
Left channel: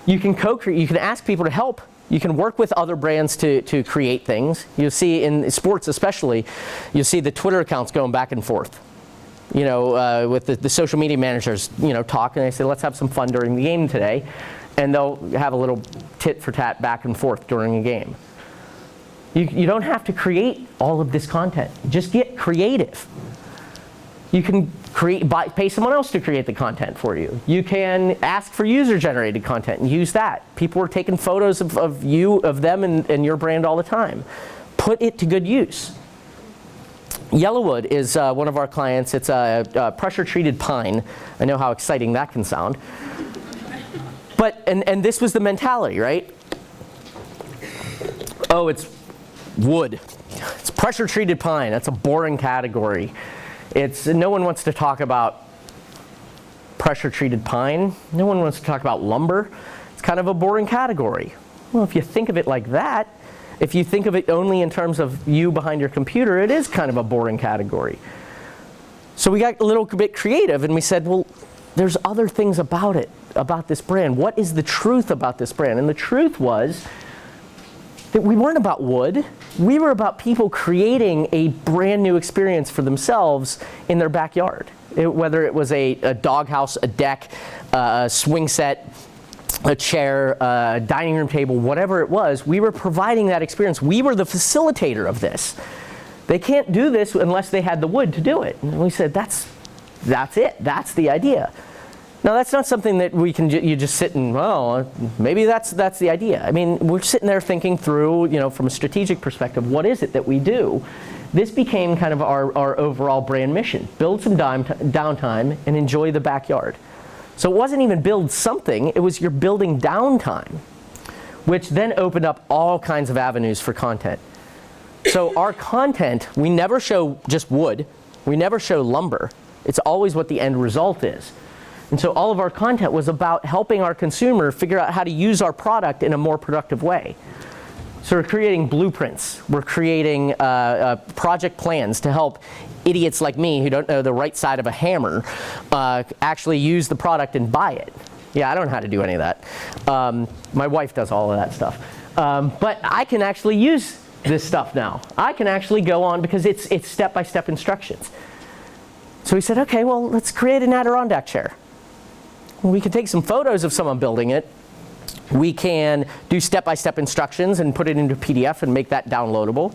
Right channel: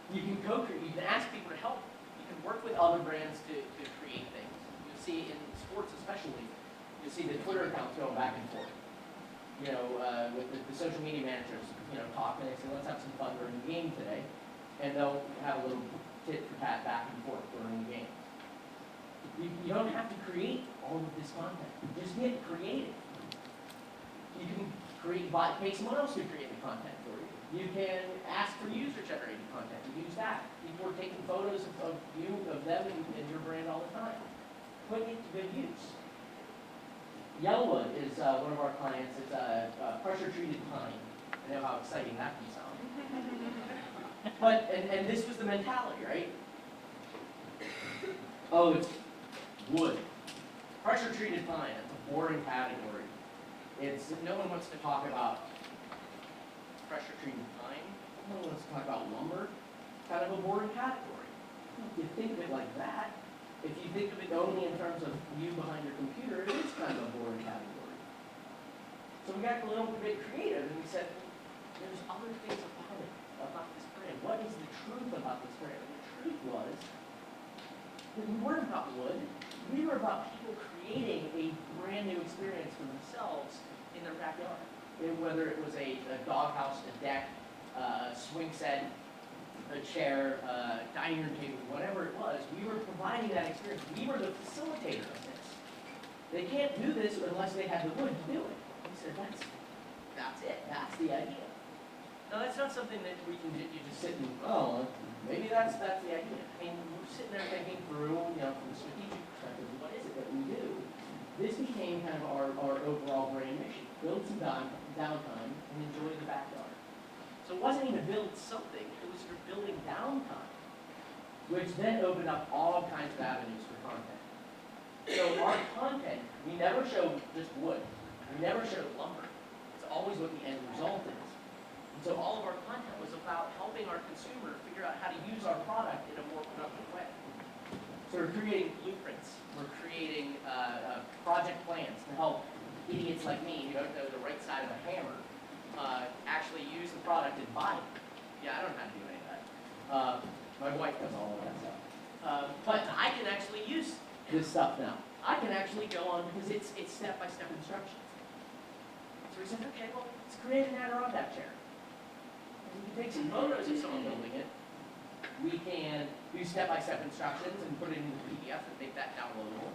You can co-create. You can ask people to help. You can work with other brands to create things. You'll see in sports especially, you'll see the Twitter accounts going back and forth. With the social media managers, talk, and they say, let's have some fun during the game today. And they'll have a little tit for tat back and forth during a game. You don't have to create all of this content. Just get creative. You can pay someone else to create the content for you. You can ask for user-generated content and use that. People are taking photos of them and your brand all the time. Put it to good use. Yellowwood is one of our clients. It's a pressure-treated pine. I know how exciting that can sound. But, and this was the mentality, right? Oh, it's wood. It's pressure-treated pine. That's a boring category. No one wants to talk about pressure-treated pine. No one wants to talk about lumber. It's kind of a boring category. Well, if you think of it like that, if you think of it only in terms of you behind your computer, it is kind of a boring category. So we got a little bit creative and we said, well, there's other things about it, about this brand. What is the truth about this brand? And the truth was that we weren't about wood. We were about people creating a brand new experience for themselves in their backyard. Whether it was a doghouse, a deck, a swing set, a chair, a dining room table, whatever it was, we were providing that experience. We were the facilitator of this. They can't do this unless they had the wood to do it. And we said, that's it. That's the idea. Now, that's not something that we can you just sit and, well, maybe that's the idea. I mean, we're sitting there thinking through, from a strategic perspective, what is it that we do? This became kind of our overall brand mission. Build some downtime and enjoy the backyard. So it wasn't even build something, it was you're building downtime, which then opened up all kinds of avenues for content. So our content, we never show just wood, we never show lumber. It's always what the end result is. And so all of our content was about helping our consumer figure out how to use our product in a more productive way. So we're creating blueprints. We're creating project plans to help idiots like me who don't know the right side of a hammer actually use the product and buy it. Yeah, I don't know how to do any of that. My wife does all of that stuff. But I can actually use this stuff now. I can actually go on because it's step-by-step instructions. So we said, okay, well, let's create an Adirondack chair. We can take some photos of someone building it. We can do step-by-step instructions and put it into PDF and make that downloadable.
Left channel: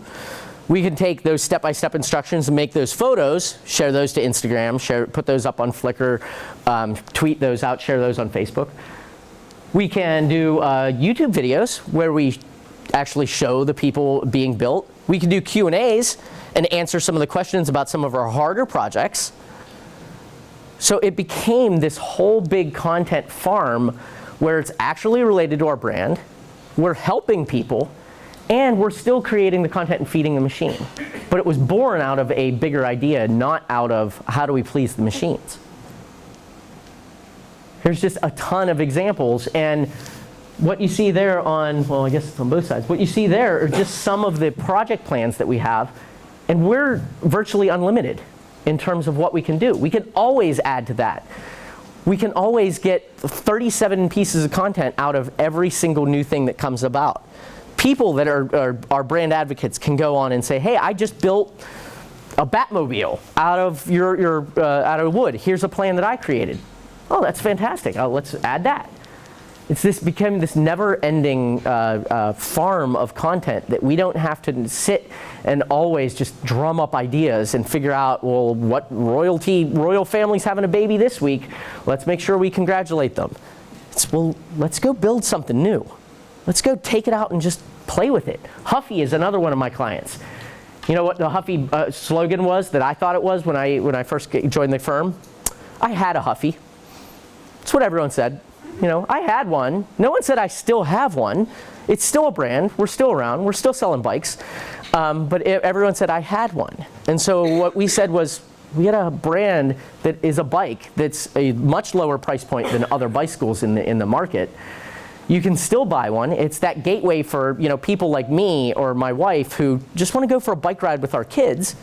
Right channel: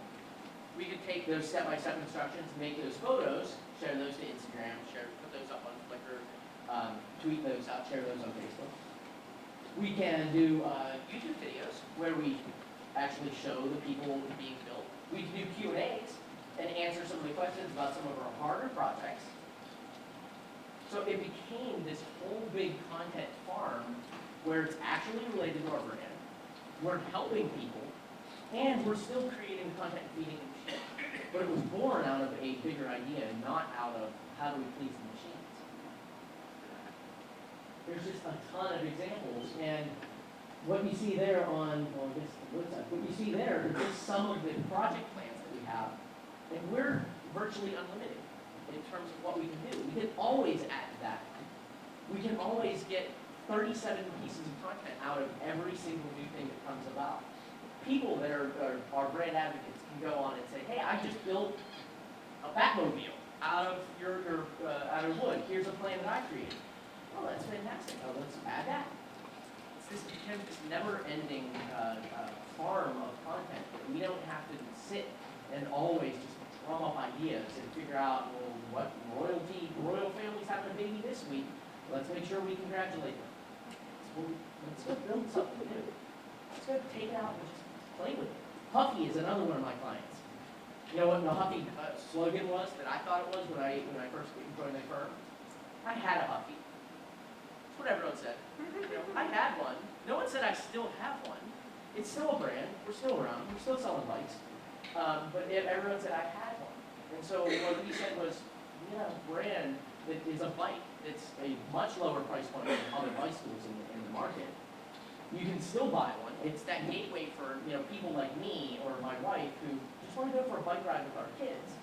We can take those step-by-step instructions and make those photos, share those to Instagram, put those up on Flickr, tweet those out, share those on Facebook. We can do YouTube videos where we actually show the people being built. We can do Q&As and answer some of the questions about some of our harder projects. So it became this whole big content farm where it's actually related to our brand, we're helping people, and we're still creating the content and feeding the machine. But it was born out of a bigger idea, not out of how do we please the machines. Here's just a ton of examples, and what you see there on, well, I guess it's on both sides. What you see there are just some of the project plans that we have, and we're virtually unlimited in terms of what we can do. We can always add to that. We can always get 37 pieces of content out of every single new thing that comes about. People that are brand advocates can go on and say, hey, I just built a Batmobile out of out of wood. Here's a plan that I created. Oh, that's fantastic. Let's add that. Became this never-ending farm of content that we don't have to sit and always just drum up ideas and figure out, well, what royal family's having a baby this week. Let's make sure we congratulate them. Well, let's go build something new. Let's go take it out and just play with it. Huffy is another one of my clients. You know what the Huffy slogan was that I thought it was when I first joined the firm? I had a Huffy. That's what everyone said. I had one. No one said I still have one. It's still a brand. We're still around. We're still selling bikes. But everyone said I had one. And so what we said was, we had a brand that is a bike that's a much lower price point than other bicycles in the market. You can still buy one. It's that gateway for people like me or my wife who just want to go for a bike ride with our kids.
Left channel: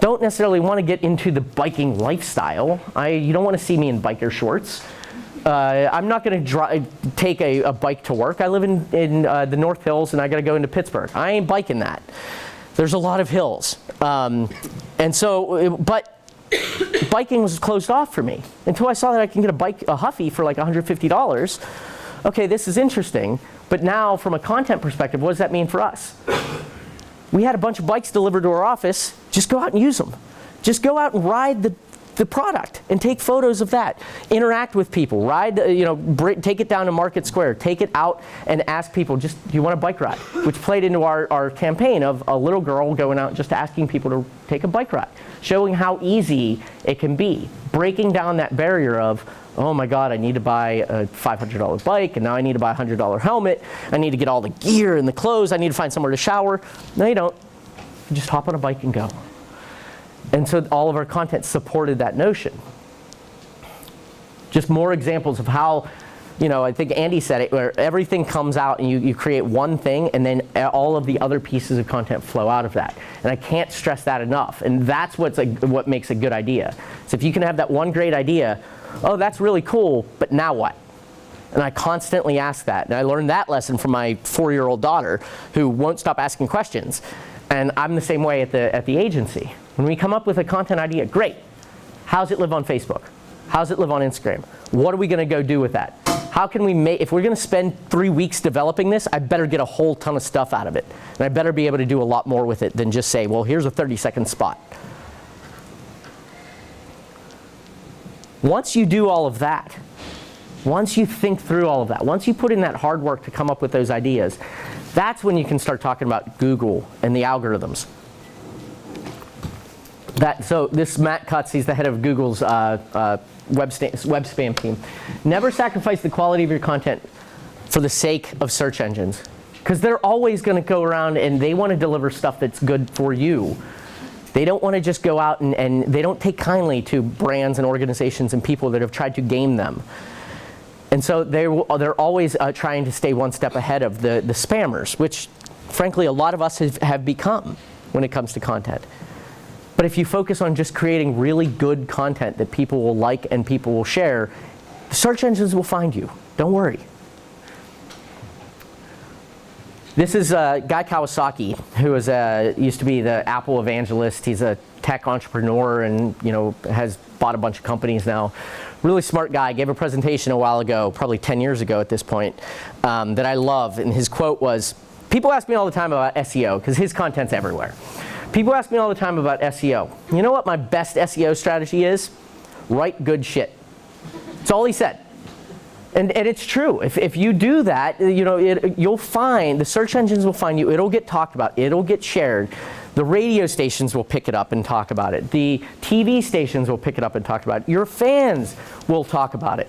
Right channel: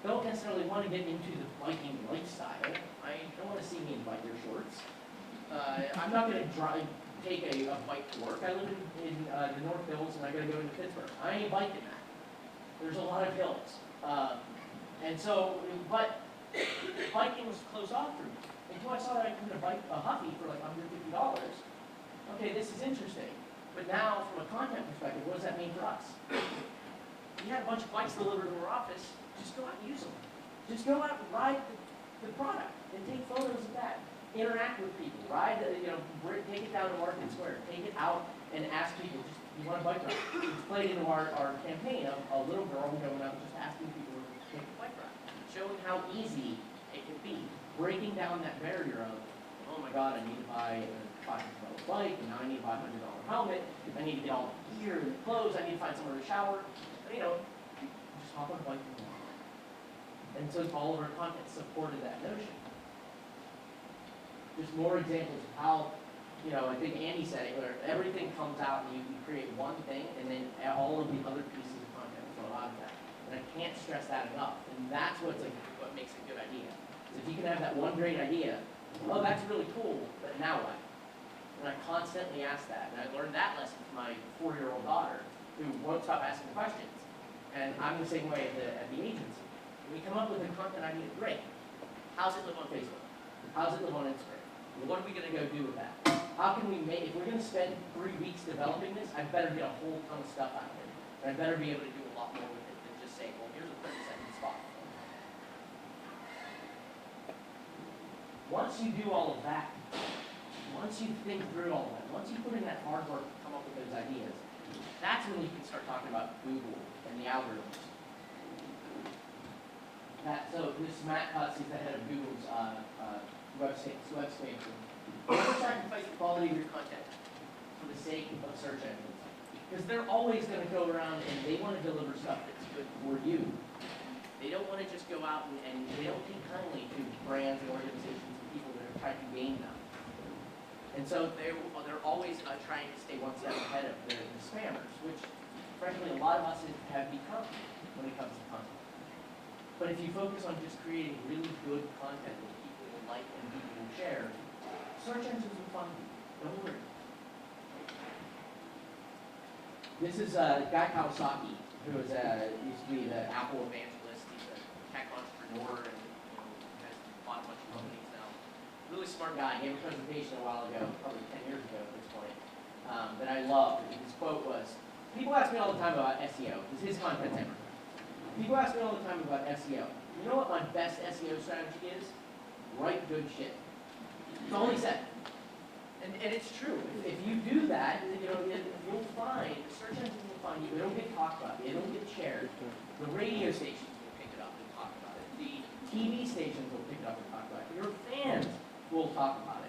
Don't necessarily want to get into the biking lifestyle. You don't want to see me in biker shorts. I'm not going to take a bike to work. I live in the North Hills, and I got to go into Pittsburgh. I ain't biking that. There's a lot of hills, and so. But biking was closed off for me until I saw that I can get a Huffy for like $150. Okay, this is interesting. But now, from a content perspective, what does that mean for us? We had a bunch of bikes delivered to our office. Just go out and use them. Just go out and ride the product and take photos of that. Interact with people. Ride, take it down to Market Square. Take it out and ask people, do you want a bike ride? Which played into our campaign of a little girl going out just asking people to take a bike ride. Showing how easy it can be. Breaking down that barrier of, oh my God, I need to buy a $500 bike, and now I need to buy a $100 helmet. I need to get all the gear and the clothes. I need to find somewhere to shower. No, you don't. You just hop on a bike and go. And so all of our content supported that notion. Just more examples of how, I think Andy said it, where everything comes out and you create one thing and then all of the other pieces of content flow out of that. And I can't stress that enough. And that's what makes a good idea. So if you can have that one great idea, oh, that's really cool, but now what? And I constantly ask that. And I learned that lesson from my 4-year-old daughter who won't stop asking questions. And I'm the same way at the agency. When we come up with a content idea, great. How's it live on Facebook? How's it live on Instagram? What are we going to go do with that? How can we make, if we're going to spend 3 weeks developing this, I better get a whole ton of stuff out of it. And I better be able to do a lot more with it than just say, well, here's a 30-second spot. Once you do all of that, once you think through all of that, once you put in that hard work to come up with those ideas, that's when you can start talking about Google and the algorithms. So this Matt Cutts, he's the head of Google's web spam team. Never sacrifice the quality of your content for the sake of search engines. Because they're always going to go around and they want to deliver stuff that's good for you. They don't want to just go out and they don't take kindly to brands and organizations and people that have tried to game them. And so they're always trying to stay one step ahead of the spammers, which frankly a lot of us have become when it comes to content. But if you focus on just creating really good content that people will like and people will share, the search engines will find you. Don't worry. This is Guy Kawasaki, who used to be the Apple evangelist. He's a tech entrepreneur and has bought a bunch of companies now. Really smart guy. Gave a presentation a while ago, probably 10 years ago at this point, that I love. And his quote was, people ask me all the time about SEO, because his content's everywhere. People ask me all the time about SEO. You know what my best SEO strategy is? Write good shit. That's all he said. And it's true. If you do that, you'll find, the search engines will find you. It'll get talked about. It'll get shared. The radio stations will pick it up and talk about it. The TV stations will pick it up and talk about it. Your fans will talk about it.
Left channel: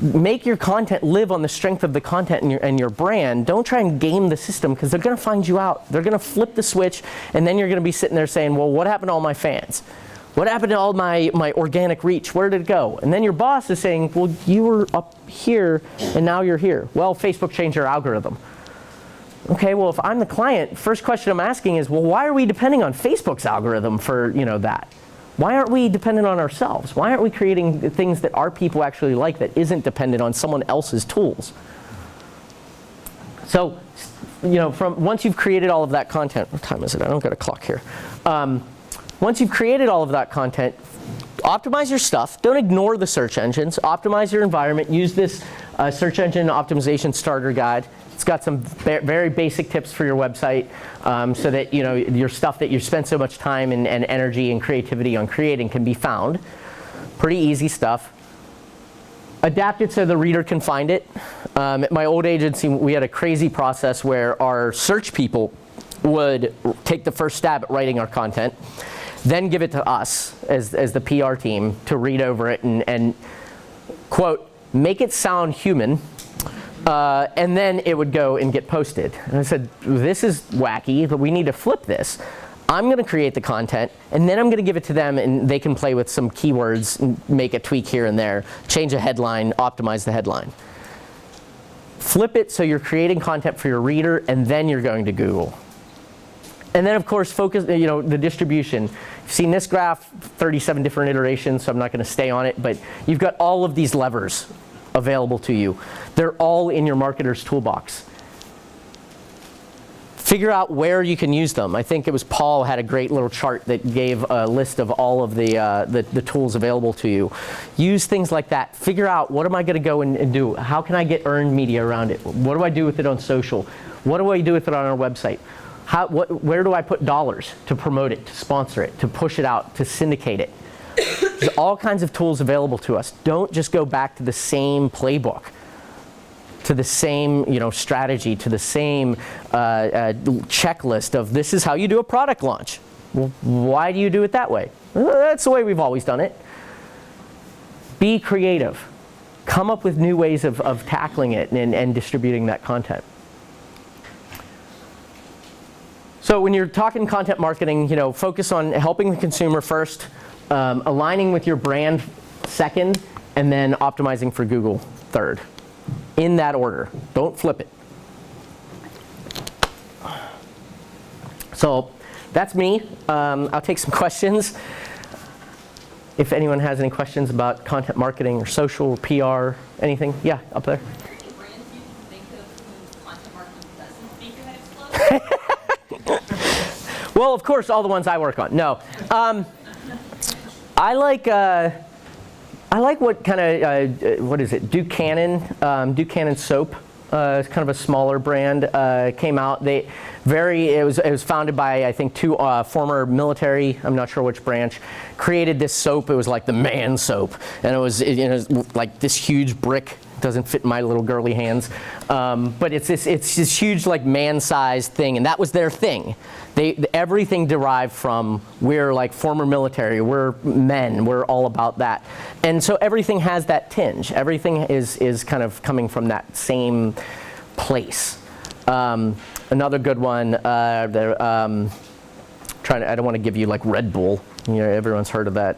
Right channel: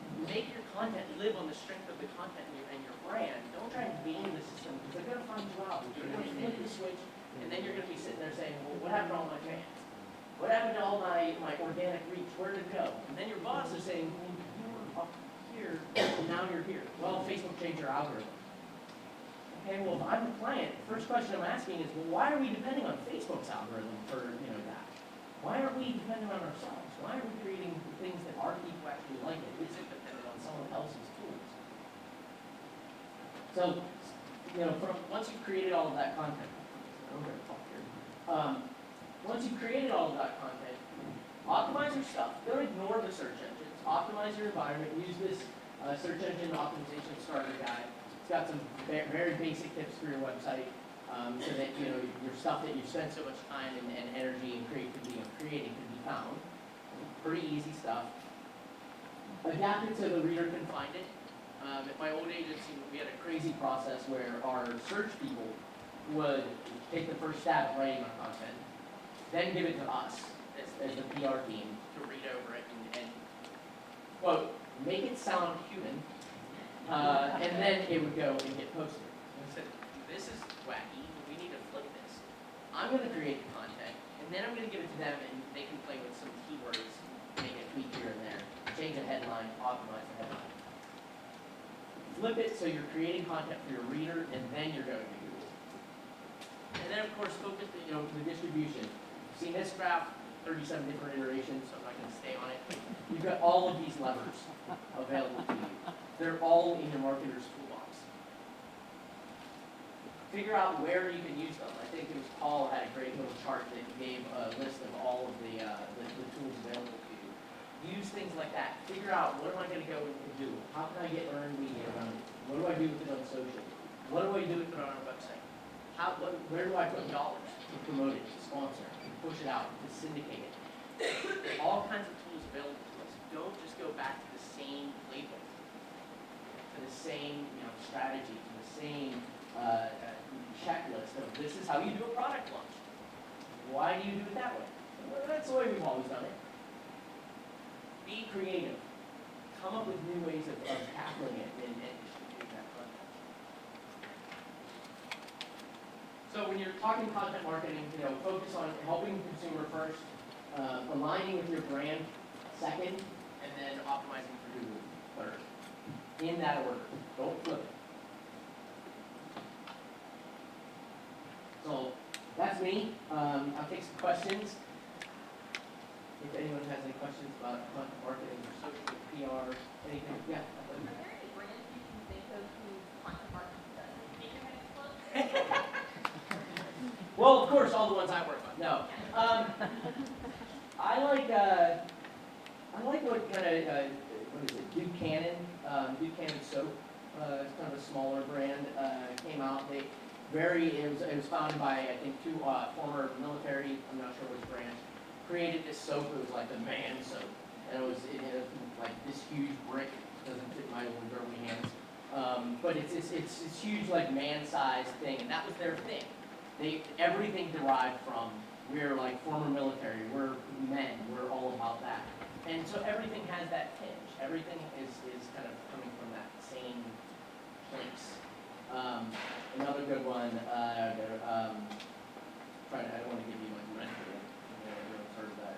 Make your content live on the strength of the content and your brand. Don't try and game the system, because they're going to find you out. They're going to flip the switch, and then you're going to be sitting there saying, well, what happened to all my fans? What happened to all my organic reach? Where did it go? And then your boss is saying, well, you were up here, and now you're here. Well, Facebook changed their algorithm. Okay, well, if I'm the client, first question I'm asking is, well, why are we depending on Facebook's algorithm for that? Why aren't we dependent on ourselves? Why aren't we creating things that our people actually like that isn't dependent on someone else's tools? So, once you've created all of that content, what time is it? I don't got a clock here. Once you've created all of that content, optimize your stuff. Don't ignore the search engines. Optimize your environment. Use this search engine optimization starter guide. It's got some very basic tips for your website, so that your stuff that you spend so much time and energy and creativity on creating can be found. Pretty easy stuff. Adapt it so the reader can find it. At my old agency, we had a crazy process where our search people would take the first stab at writing our content, then give it to us as the PR team to read over it and quote, make it sound human. And then it would go and get posted. And I said, this is wacky, but we need to flip this. I'm going to create the content, and then I'm going to give it to them, and they can play with some keywords, and make a tweak here and there, change a headline, optimize the headline. Flip it so you're creating content for your reader, and then you're going to Google. And then, of course, focus, the distribution. You've seen this graph, 37 different iterations, so I'm not going to stay on it, but you've got all of these levers available to you. They're all in your marketer's toolbox. Figure out where you can use them. I think it was Paul had a great little chart that gave a list of all of the tools available to you. Use things like that. Figure out, what am I going to go and do? How can I get earned media around it? What do I do with it on social? What do I do with it on our website? where do I put dollars to promote it, to sponsor it, to push it out, to syndicate it? There's all kinds of tools available to us. Don't just go back to the same playbook, to the same strategy, to the same checklist of this is how you do a product launch. Well, why do you do it that way? Well, that's the way we've always done it. Be creative. Come up with new ways of tackling it and distributing that content. So when you're talking content marketing, focus on helping the consumer first, aligning with your brand second, and then optimizing for Google third. In that order. Don't flip it. So that's me. I'll take some questions. If anyone has any questions about content marketing or social, PR, anything. Yeah, up there. Are there any brands you can think of whose content marketing doesn't make your head explode? Well, of course, all the ones I work on. No. I like what kind of, what is it, Duke Cannon soap. It's kind of a smaller brand. Came out. It was founded by, I think, two former military, I'm not sure which branch, created this soap. It was like the man soap. And it was like this huge brick. Doesn't fit in my little girly hands. But it's this huge like man-sized thing. And that was their thing. Everything derived from, we're like former military, we're men, we're all about that. And so everything has that tinge. Everything is kind of coming from that same place. Another good one, I don't want to give you like Red Bull. Everyone's heard of that.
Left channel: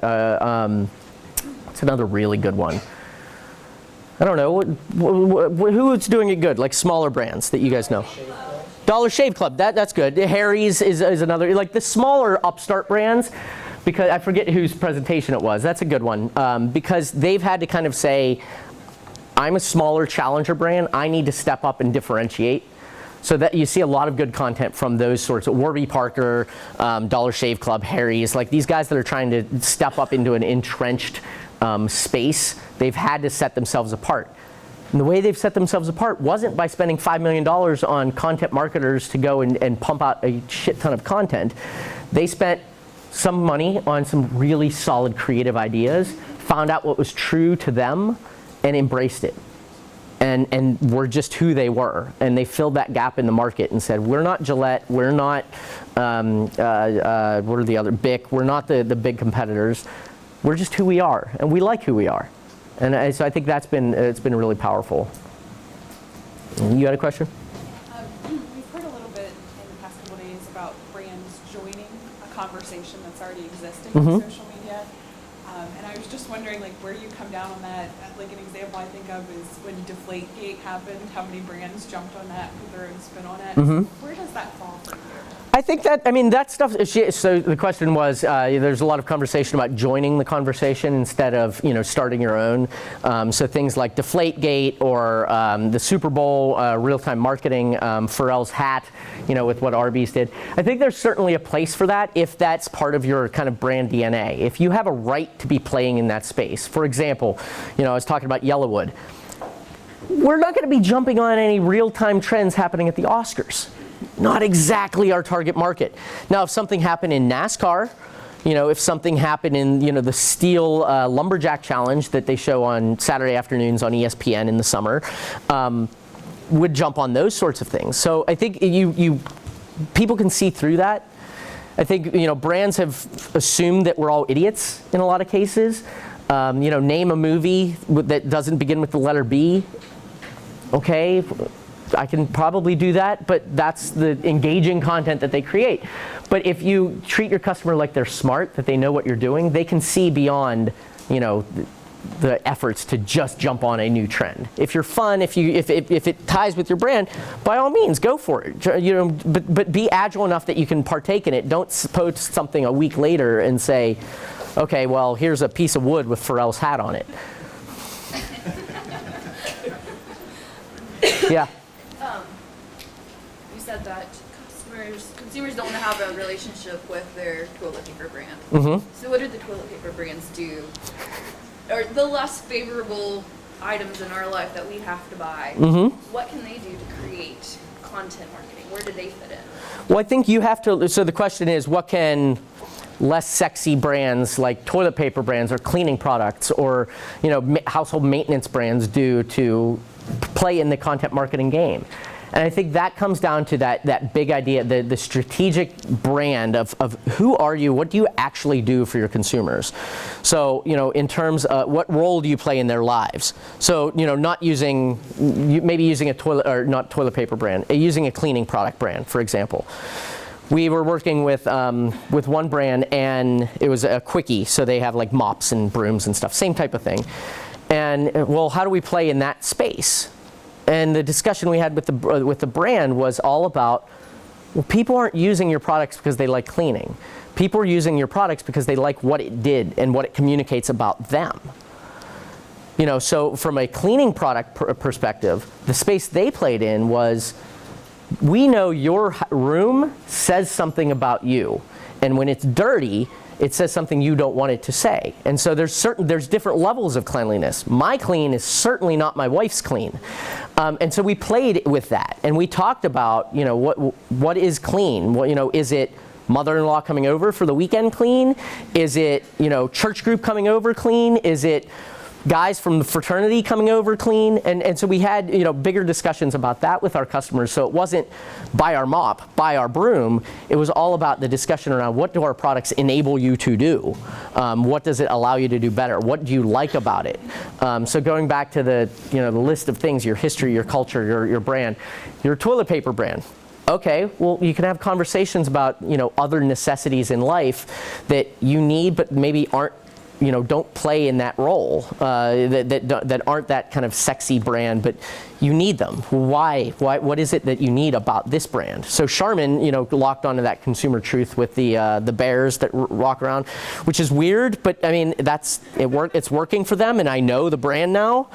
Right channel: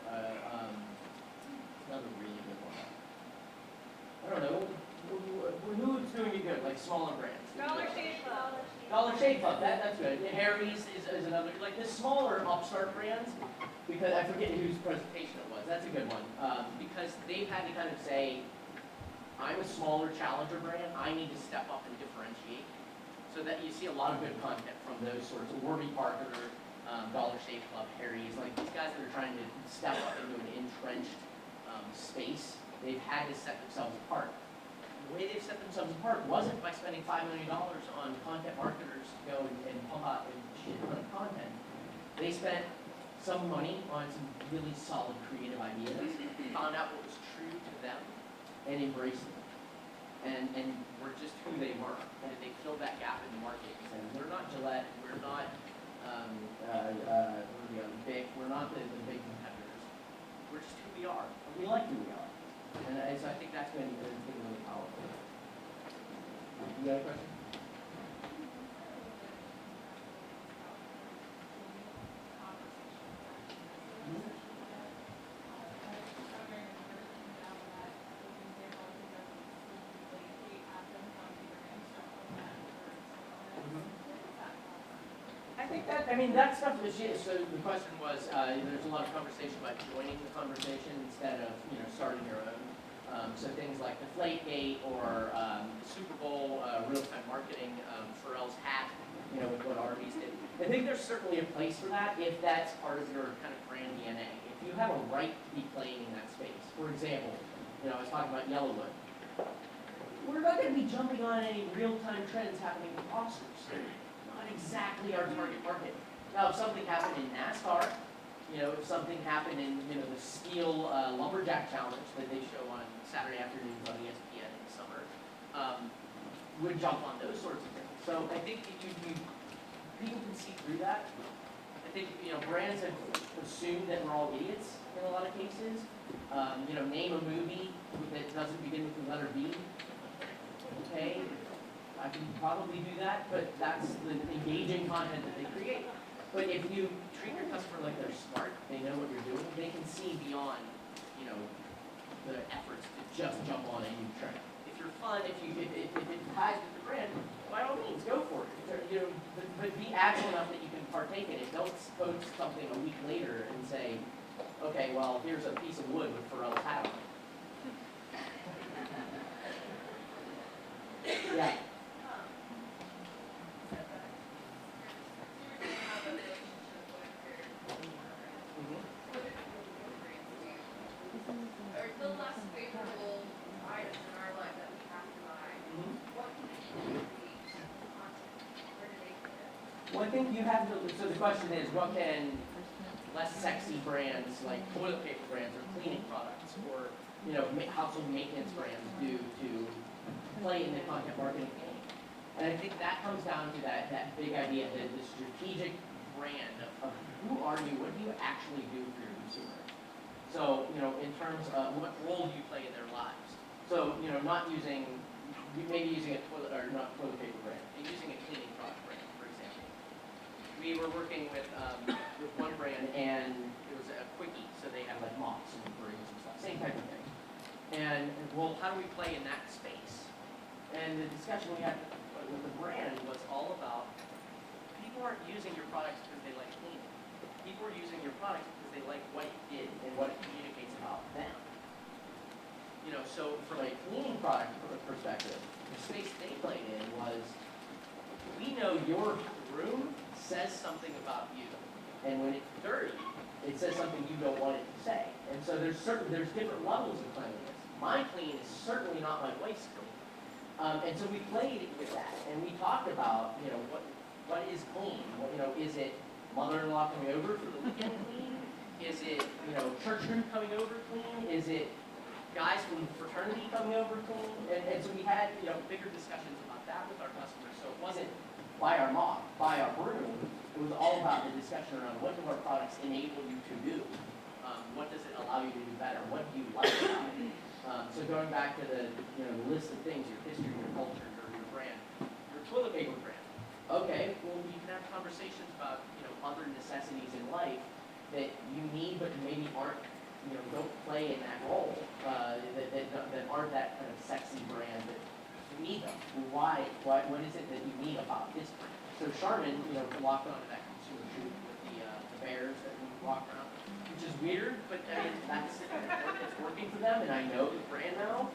It's another really good one. I don't know, who's doing it good? Like smaller brands that you guys know. Dollar Shave Club, that's good. Harry's is another, like the smaller upstart brands, because I forget whose presentation it was. That's a good one, because they've had to kind of say, I'm a smaller challenger brand, I need to step up and differentiate. So that you see a lot of good content from those sorts of Warby Parker, Dollar Shave Club, Harry's, like these guys that are trying to step up into an entrenched space. They've had to set themselves apart. And the way they've set themselves apart wasn't by spending $5 million on content marketers to go and pump out a shit ton of content. They spent some money on some really solid creative ideas, found out what was true to them, and embraced it. And were just who they were. And they filled that gap in the market and said, we're not Gillette, we're not, what are the other, Bic, we're not the big competitors. We're just who we are, and we like who we are. And so I think it's been really powerful. You had a question? We've heard a little bit in the past couple days about brands joining a conversation that's already existing on social media. And I was just wondering, like, where do you come down on that? Like, an example I think of is when Deflategate happened, how many brands jumped on that, put their own spin on it. Where does that fall for you? I think that stuff, so the question was, there's a lot of conversation about joining the conversation instead of, starting your own. So things like Deflategate or the Super Bowl, real-time marketing, Pharrell's hat, with what Arby's did. I think there's certainly a place for that if that's part of your kind of brand DNA. If you have a right to be playing in that space. For example, I was talking about Yellowwood. We're not going to be jumping on any real-time trends happening at the Oscars. Not exactly our target market. Now, if something happened in NASCAR, if something happened in, the Steel Lumberjack Challenge that they show on Saturday afternoons on ESPN in the summer, would jump on those sorts of things. So I think people can see through that. I think, brands have assumed that we're all idiots in a lot of cases. Name a movie that doesn't begin with the letter B. Okay. I can probably do that, but that's the engaging content that they create. But if you treat your customer like they're smart, that they know what you're doing, they can see beyond, the efforts to just jump on a new trend. If you're fun, if it ties with your brand, by all means, go for it. But be agile enough that you can partake in it. Don't post something a week later and say, okay, well, here's a piece of wood with Pharrell's hat on it. Yeah. You said that consumers don't want to have a relationship with their toilet paper brand. So what do the toilet paper brands do? Or the less favorable items in our life that we have to buy, what can they do to create content marketing? Where do they fit in? Well, I think you have to, so the question is, what can less sexy brands like toilet paper brands or cleaning products or household maintenance brands do to play in the content marketing game? And I think that comes down to that big idea, the strategic brand of who are you, what do you actually do for your consumers? So, in terms of what role do you play in their lives? So, not using, maybe using a toilet, or not toilet paper brand, using a cleaning product brand, for example. We were working with one brand, and it was a quickie, so they have like mops and brooms and stuff, same type of thing. And well, how do we play in that space? And the discussion we had with the brand was all about, well, people aren't using your products because they like cleaning. People are using your products because they like what it did and what it communicates about them. So from a cleaning product perspective, the space they played in was, we know your room says something about you, and when it's dirty, it says something you don't want it to say. And so there's different levels of cleanliness. My clean is certainly not my wife's clean. And so we played with that, and we talked about, what is clean? Is it mother-in-law coming over for the weekend clean? Is it, church group coming over clean? Is it guys from the fraternity coming over clean? And so we had, bigger discussions about that with our customers. So it wasn't buy our mop, buy our broom. It was all about the discussion around, what do our products enable you to do? What does it allow you to do better? What do you like about it? So going back to the list of things, your history, your culture, your brand, your toilet paper brand. Okay, well, you can have conversations about other necessities in life that you need but maybe aren't, don't play in that role, that aren't that kind of sexy brand, but you need them. Why? What is it that you need about this brand? So Charmin, locked onto that consumer truth with the bears that walk around, which is weird, but I mean, it's working for them, and I know the brand now.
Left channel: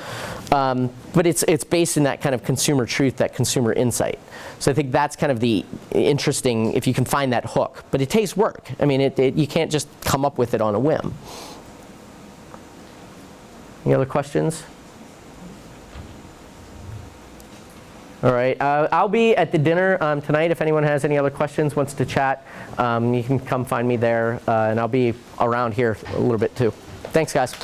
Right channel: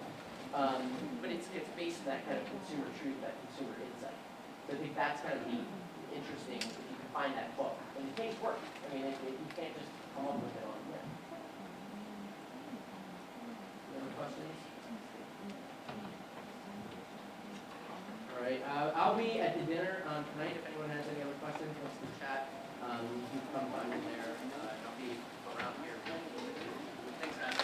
But it's based in that kind of consumer truth, that consumer insight. So I think that's kind of the interesting, if you can find that hook. But it takes work. I mean, you can't just come up with it on a whim. Any other questions? All right, I'll be at the dinner tonight. If anyone has any other questions, wants to chat, you can come find me there, and I'll be around here a little bit too. Thanks, guys.